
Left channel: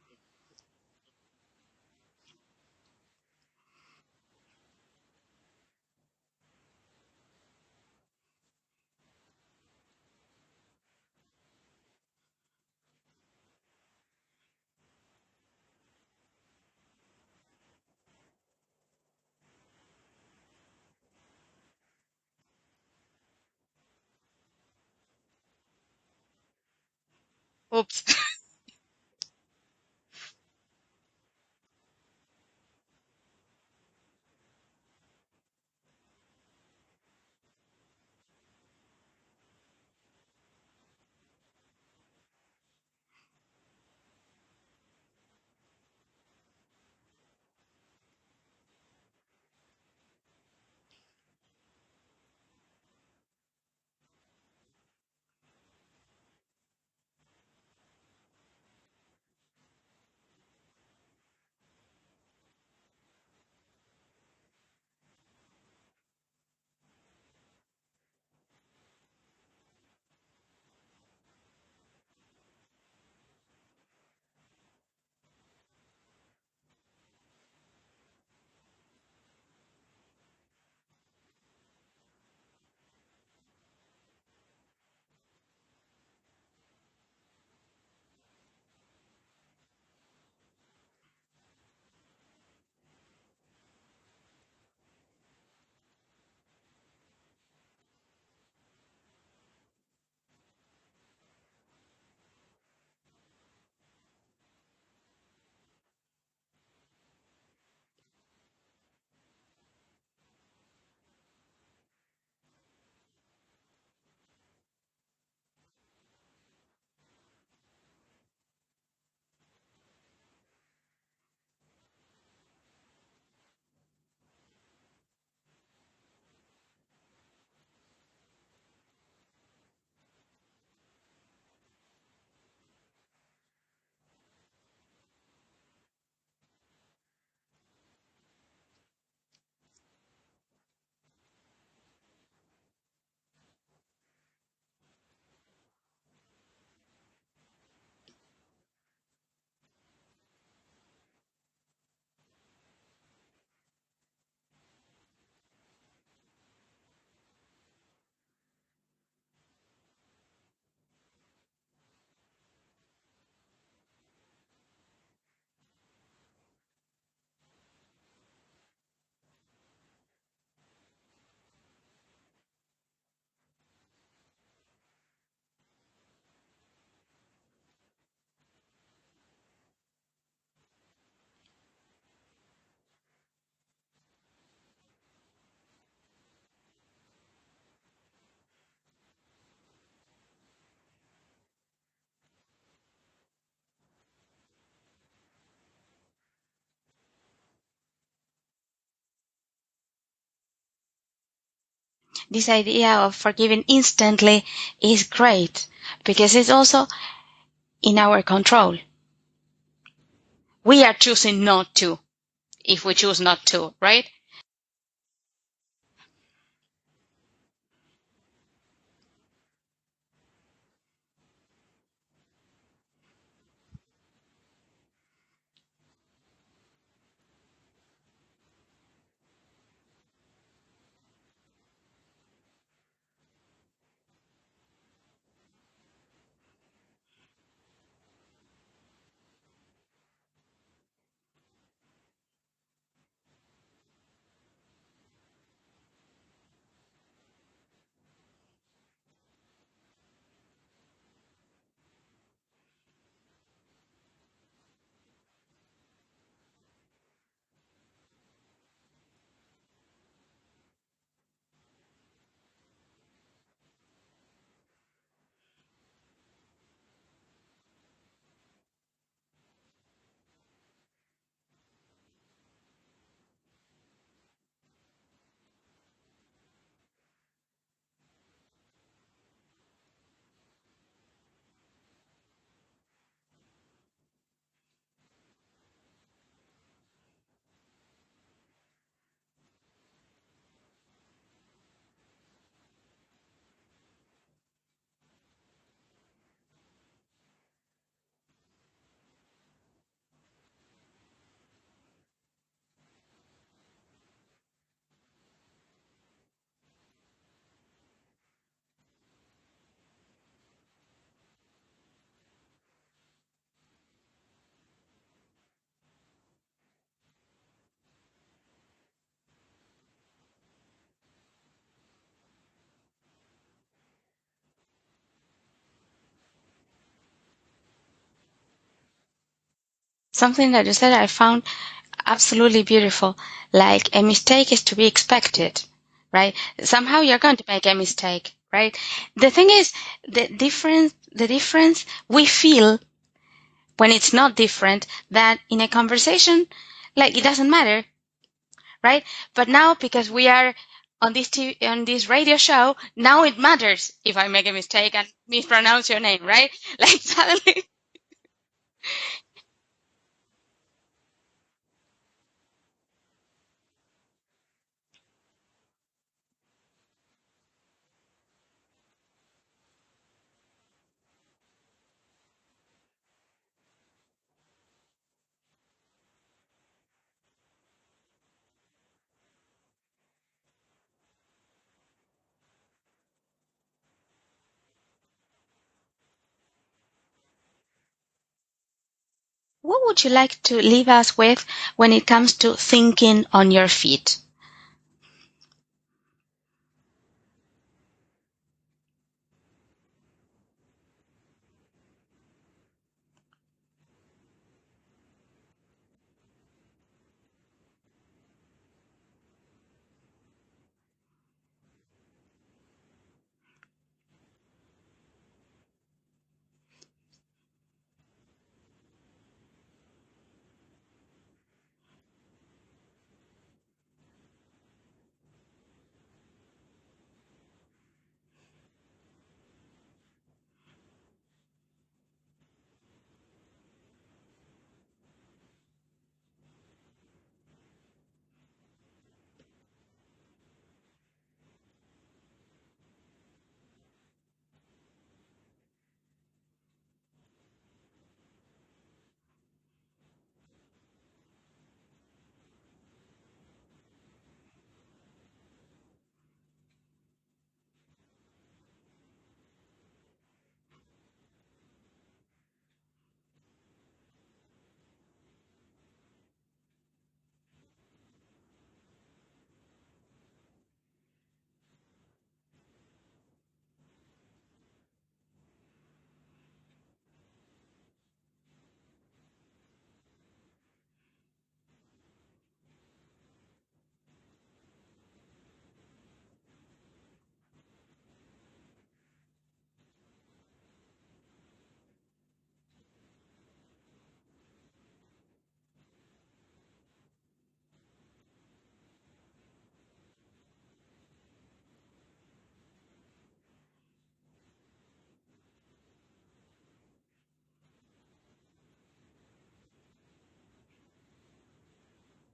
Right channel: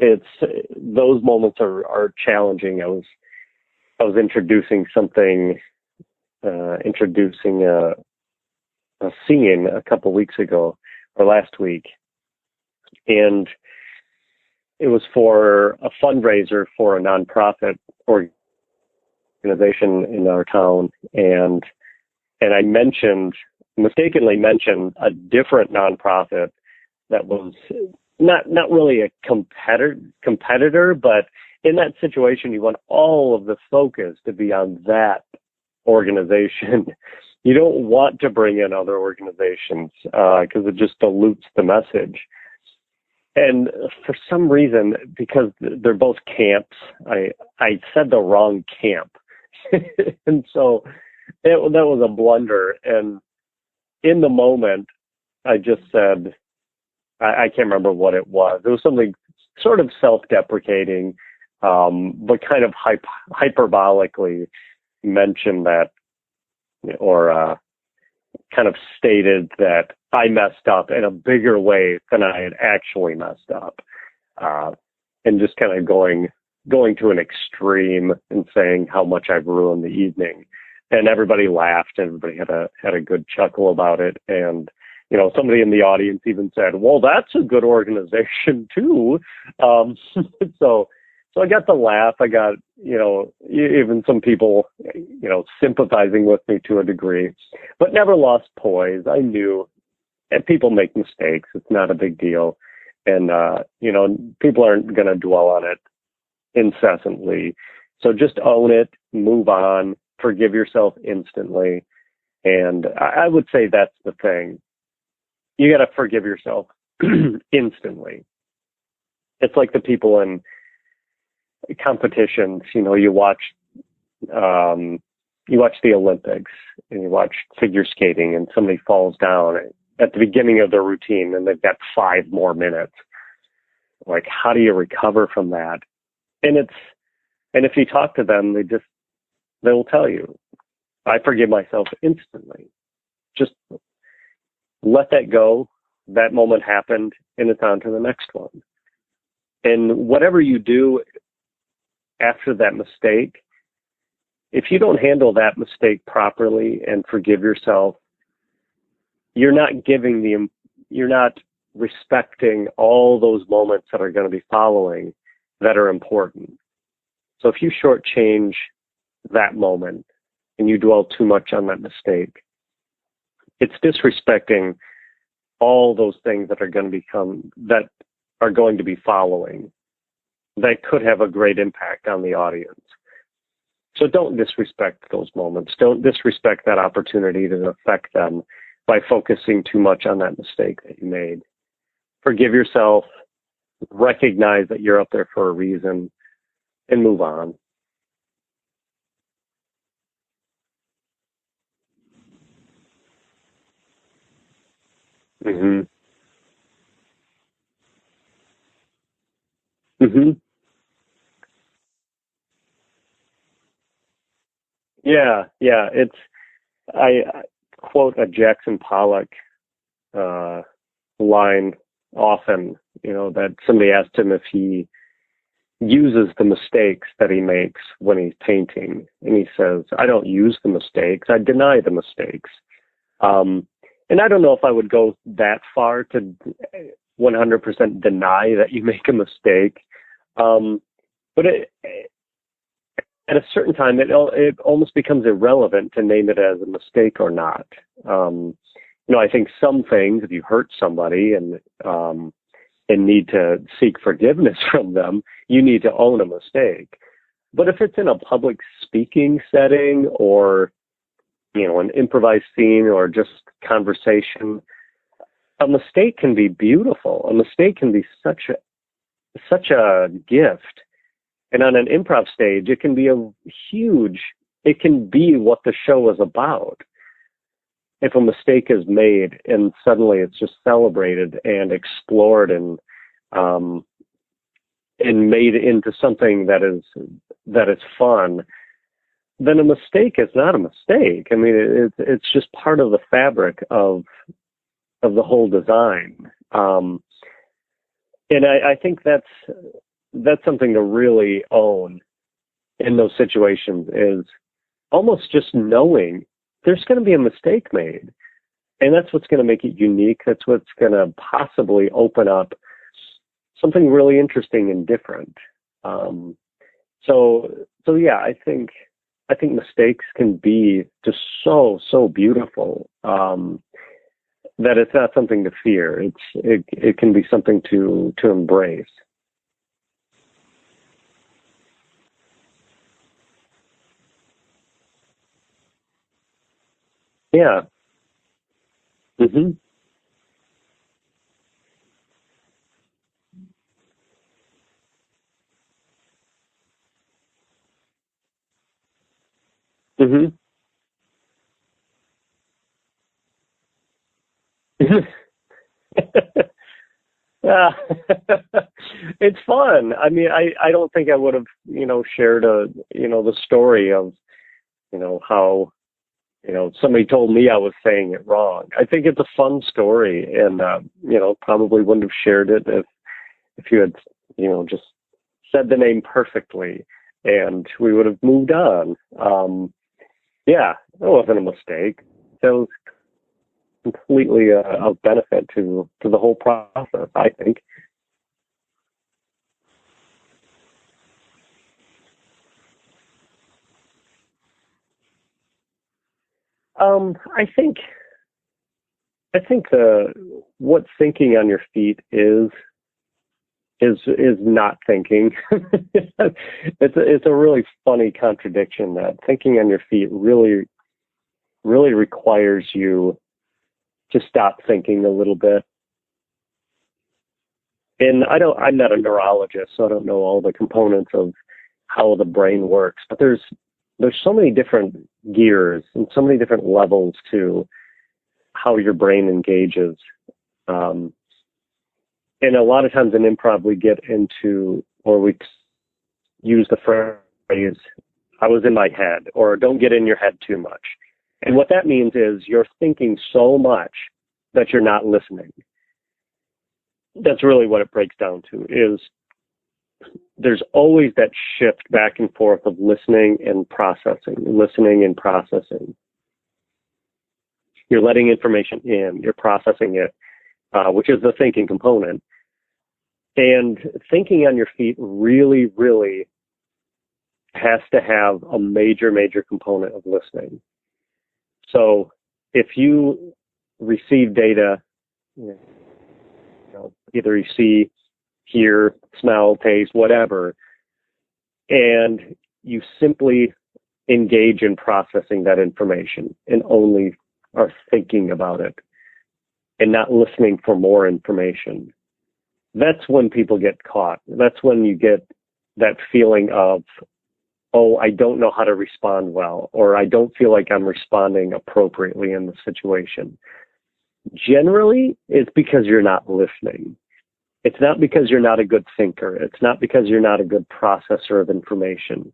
It's those moments are challenging. I was introducing a scene a couple weeks ago or last week, and it was for a fundraiser for a nonprofit organization in our town, and I mistakenly mentioned a different nonprofit that was not really a competitor, but in that situation, you want all of the focus to be on that organization. You don't want to bring in other organizations because it just dilutes the message. And for some reason, because they're both camps, I said the wrong camp. And so that was a blunder. And in the moment, I just said, I can't remember what it was. It was something sort of self-deprecating, but kind of hyperbolically mentioned that, or kind of stated that I messed up in a bigger way than I had actually messed up, and just kind of going to an extreme and saying how much I've ruined the evening. And everybody laughed. Everybody had a good chuckle about it. And somebody in the audience even said, "Well, that's a good organization too." So I got the laugh. I got, even some people, sympathizing with me to a degree, but never lost poise. I knew, and people make mistakes. It's not a big deal. And, people aren't going to dwell on it incessantly. So just own it, move on, forgive yourself instantly, And I would say that's the thing. You got to forgive yourself instantly. It's like the people in competitions. You watch the Olympics and you watch figure skating, and somebody falls down at the beginning of their routine, and they've got 5 more minutes. Like, how do you recover from that? And if you talk to them, they will tell you, I forgive myself instantly. Just let that go. That moment happened, and it's on to the next one. And whatever you do after that mistake, if you don't handle that mistake properly and forgive yourself, you're not respecting all those moments that are going to be following that are important. So if you shortchange that moment and you dwell too much on that mistake, it's disrespecting all those things that are going to be following that could have a great impact on the audience. So don't disrespect those moments. Don't disrespect that opportunity to affect them by focusing too much on that mistake that you made. Forgive yourself, recognize that you're up there for a reason, and move on. This idea of forgiving instantly is great because it's also in our control. Mm-hmm. We are choosing not to, if we choose not to, right? Yeah. I quote a Jackson Pollock line often, that somebody asked him if he uses the mistakes that he makes when he's painting. And he says, I don't use the mistakes, I deny the mistakes. And I don't know if I would go that far to 100% deny that you make a mistake. But at a certain time, it almost becomes irrelevant to name it as a mistake or not. I think some things, if you hurt somebody and need to seek forgiveness from them, you need to own a mistake. But if it's in a public speaking setting or, an improvised scene or just conversation, a mistake can be beautiful. A mistake can be such a gift. And on an improv stage, it can be it can be what the show is about. If a mistake is made and suddenly it's just celebrated and explored and made into something that is fun, then a mistake is not a mistake. I mean, it's just part of the fabric of the whole design. And I think that's something to really own in those situations, is almost just knowing there's going to be a mistake made. And that's what's going to make it unique. That's what's going to possibly open up something really interesting and different. So yeah, I think mistakes can be just so beautiful, that it's not something to fear. It can be something to embrace. Something that you said I found absolutely beautiful. Like, a mistake is to be expected, right? Somehow you're going to make a mistake, right? The thing is, the difference we feel when it's not different, that in a conversation, like, it doesn't matter, right? But now, because we are on this radio show, now it matters if I make a mistake and mispronounce your name, right? Like, suddenly. Yeah. It's fun. I mean, I don't think I would have, shared the story of, how, somebody told me I was saying it wrong. I think it's a fun story, and, probably wouldn't have shared it if you had, just said the name perfectly, and we would have moved on. Yeah, that wasn't a mistake. That was completely of benefit to the whole process, I think. What would you like to leave us with when it comes to thinking on your feet? I think what thinking on your feet is not thinking. It's a really funny contradiction, that thinking on your feet really really requires you to stop thinking a little bit. And I'm not a neurologist, so I don't know all the components of how the brain works, but there's so many different gears and so many different levels to how your brain engages. And a lot of times in improv, we get into, or we use the phrase, I was in my head, or don't get in your head too much. And what that means is you're thinking so much that you're not listening. That's really what it breaks down to, is there's always that shift back and forth of listening and processing. You're letting information in, you're processing it, which is the thinking component. And thinking on your feet really, really has to have a major, major component of listening. So if you receive data, either you see, hear, smell, taste, whatever, and you simply engage in processing that information and only are thinking about it and not listening for more information, that's when people get caught. That's when you get that feeling of, oh, I don't know how to respond well, or I don't feel like I'm responding appropriately in the situation. Generally, it's because you're not listening. It's not because you're not a good thinker. It's not because you're not a good processor of information.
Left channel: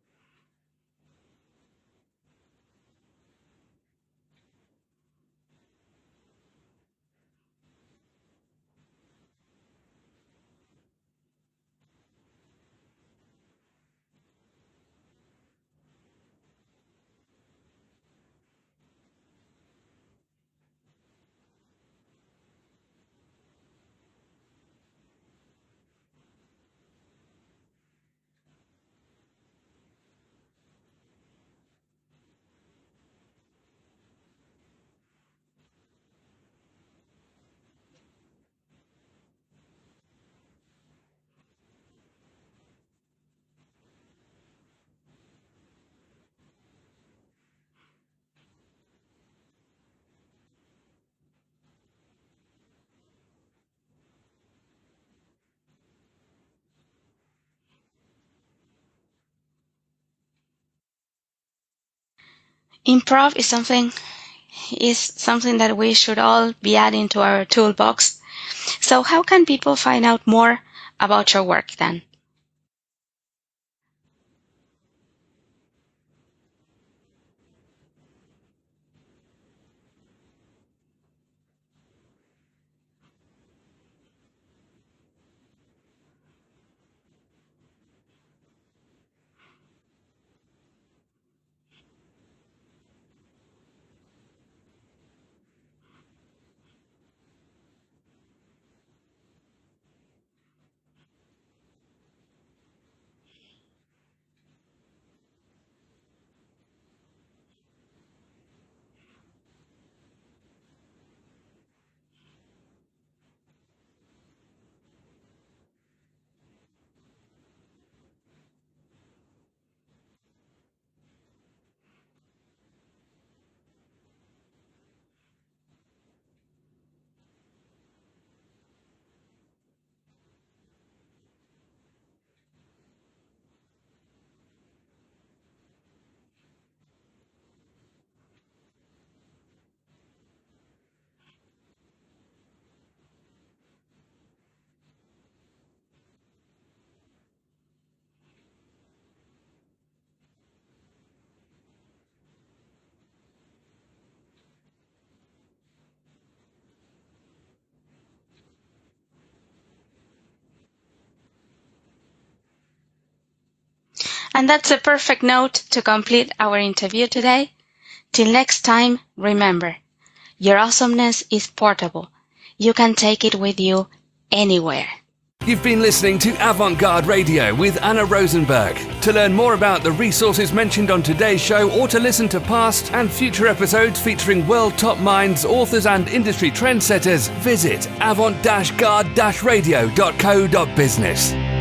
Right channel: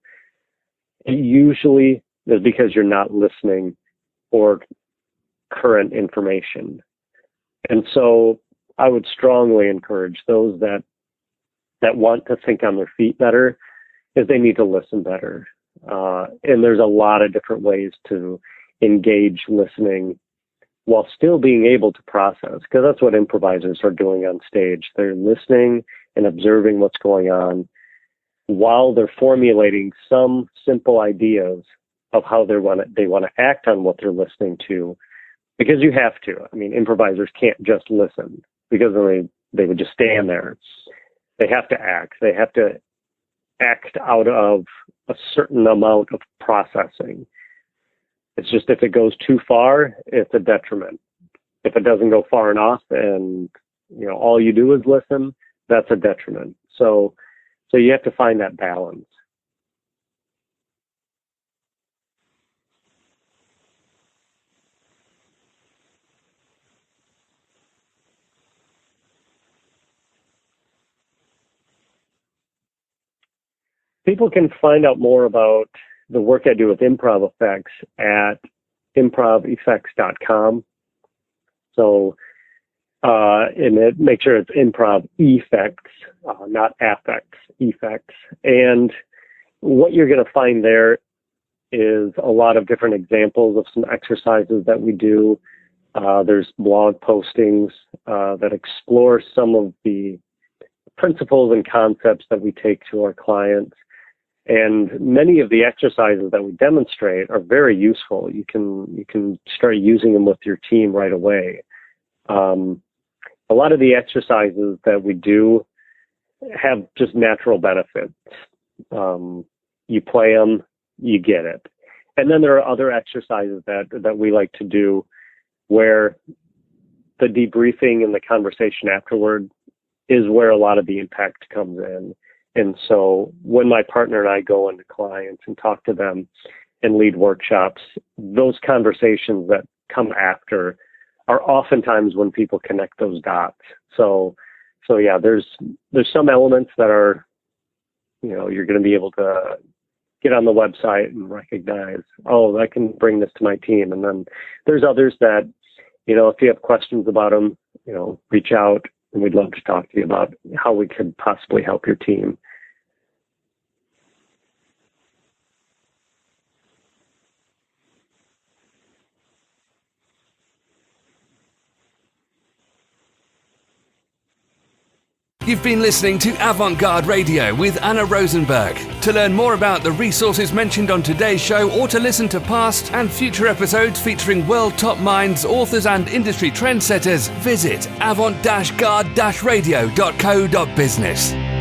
It usually is because you're not listening for current information. And so I would strongly encourage those that want to think on their feet better, is they need to listen better. And there's a lot of different ways to engage listening while still being able to process, because that's what improvisers are doing on stage. They're listening and observing what's going on while they're formulating some simple ideas of how they want to act on what they're listening to, because you have to. I mean, improvisers can't just listen, because then they would just stand there. They have to act. They have to act out of a certain amount of processing. It's just, if it goes too far, it's a detriment. If it doesn't go far enough and, all you do is listen, that's a detriment. So you have to find that balance. Improv is something that we should all be adding to our toolbox. So how can people find out more about your work then? People can find out more about the work I do with improv effects at improveffects.com. So, and make sure it's improv effects, not affects, effects. And what you're going to find there is a lot of different examples of some exercises that we do. There's blog postings that explore some of the principles and concepts that we take to our clients. And many of the exercises that we demonstrate are very useful. You can start using them with your team right away. A lot of the exercises that we do have just natural benefits. You play them, you get it. And then there are other exercises that we like to do where the debriefing and the conversation afterward is where a lot of the impact comes in. And so when my partner and I go into clients and talk to them and lead workshops, those conversations that come after are oftentimes when people connect those dots. So yeah, there's some elements that are, you're going to be able to get on the website and recognize, oh, I can bring this to my team. And then there's others that, if you have questions about them, reach out, and we'd love to talk to you about how we could possibly help your team. And that's a perfect note to complete our interview today. Till next time, remember, your awesomeness is portable. You can take it with you anywhere. You've been listening to Avant-Garde Radio with Anna Rosenberg. To learn more about the resources mentioned on today's show, or to listen to past and future episodes featuring world top minds, authors and industry trendsetters, visit avant-garde-radio.co.business.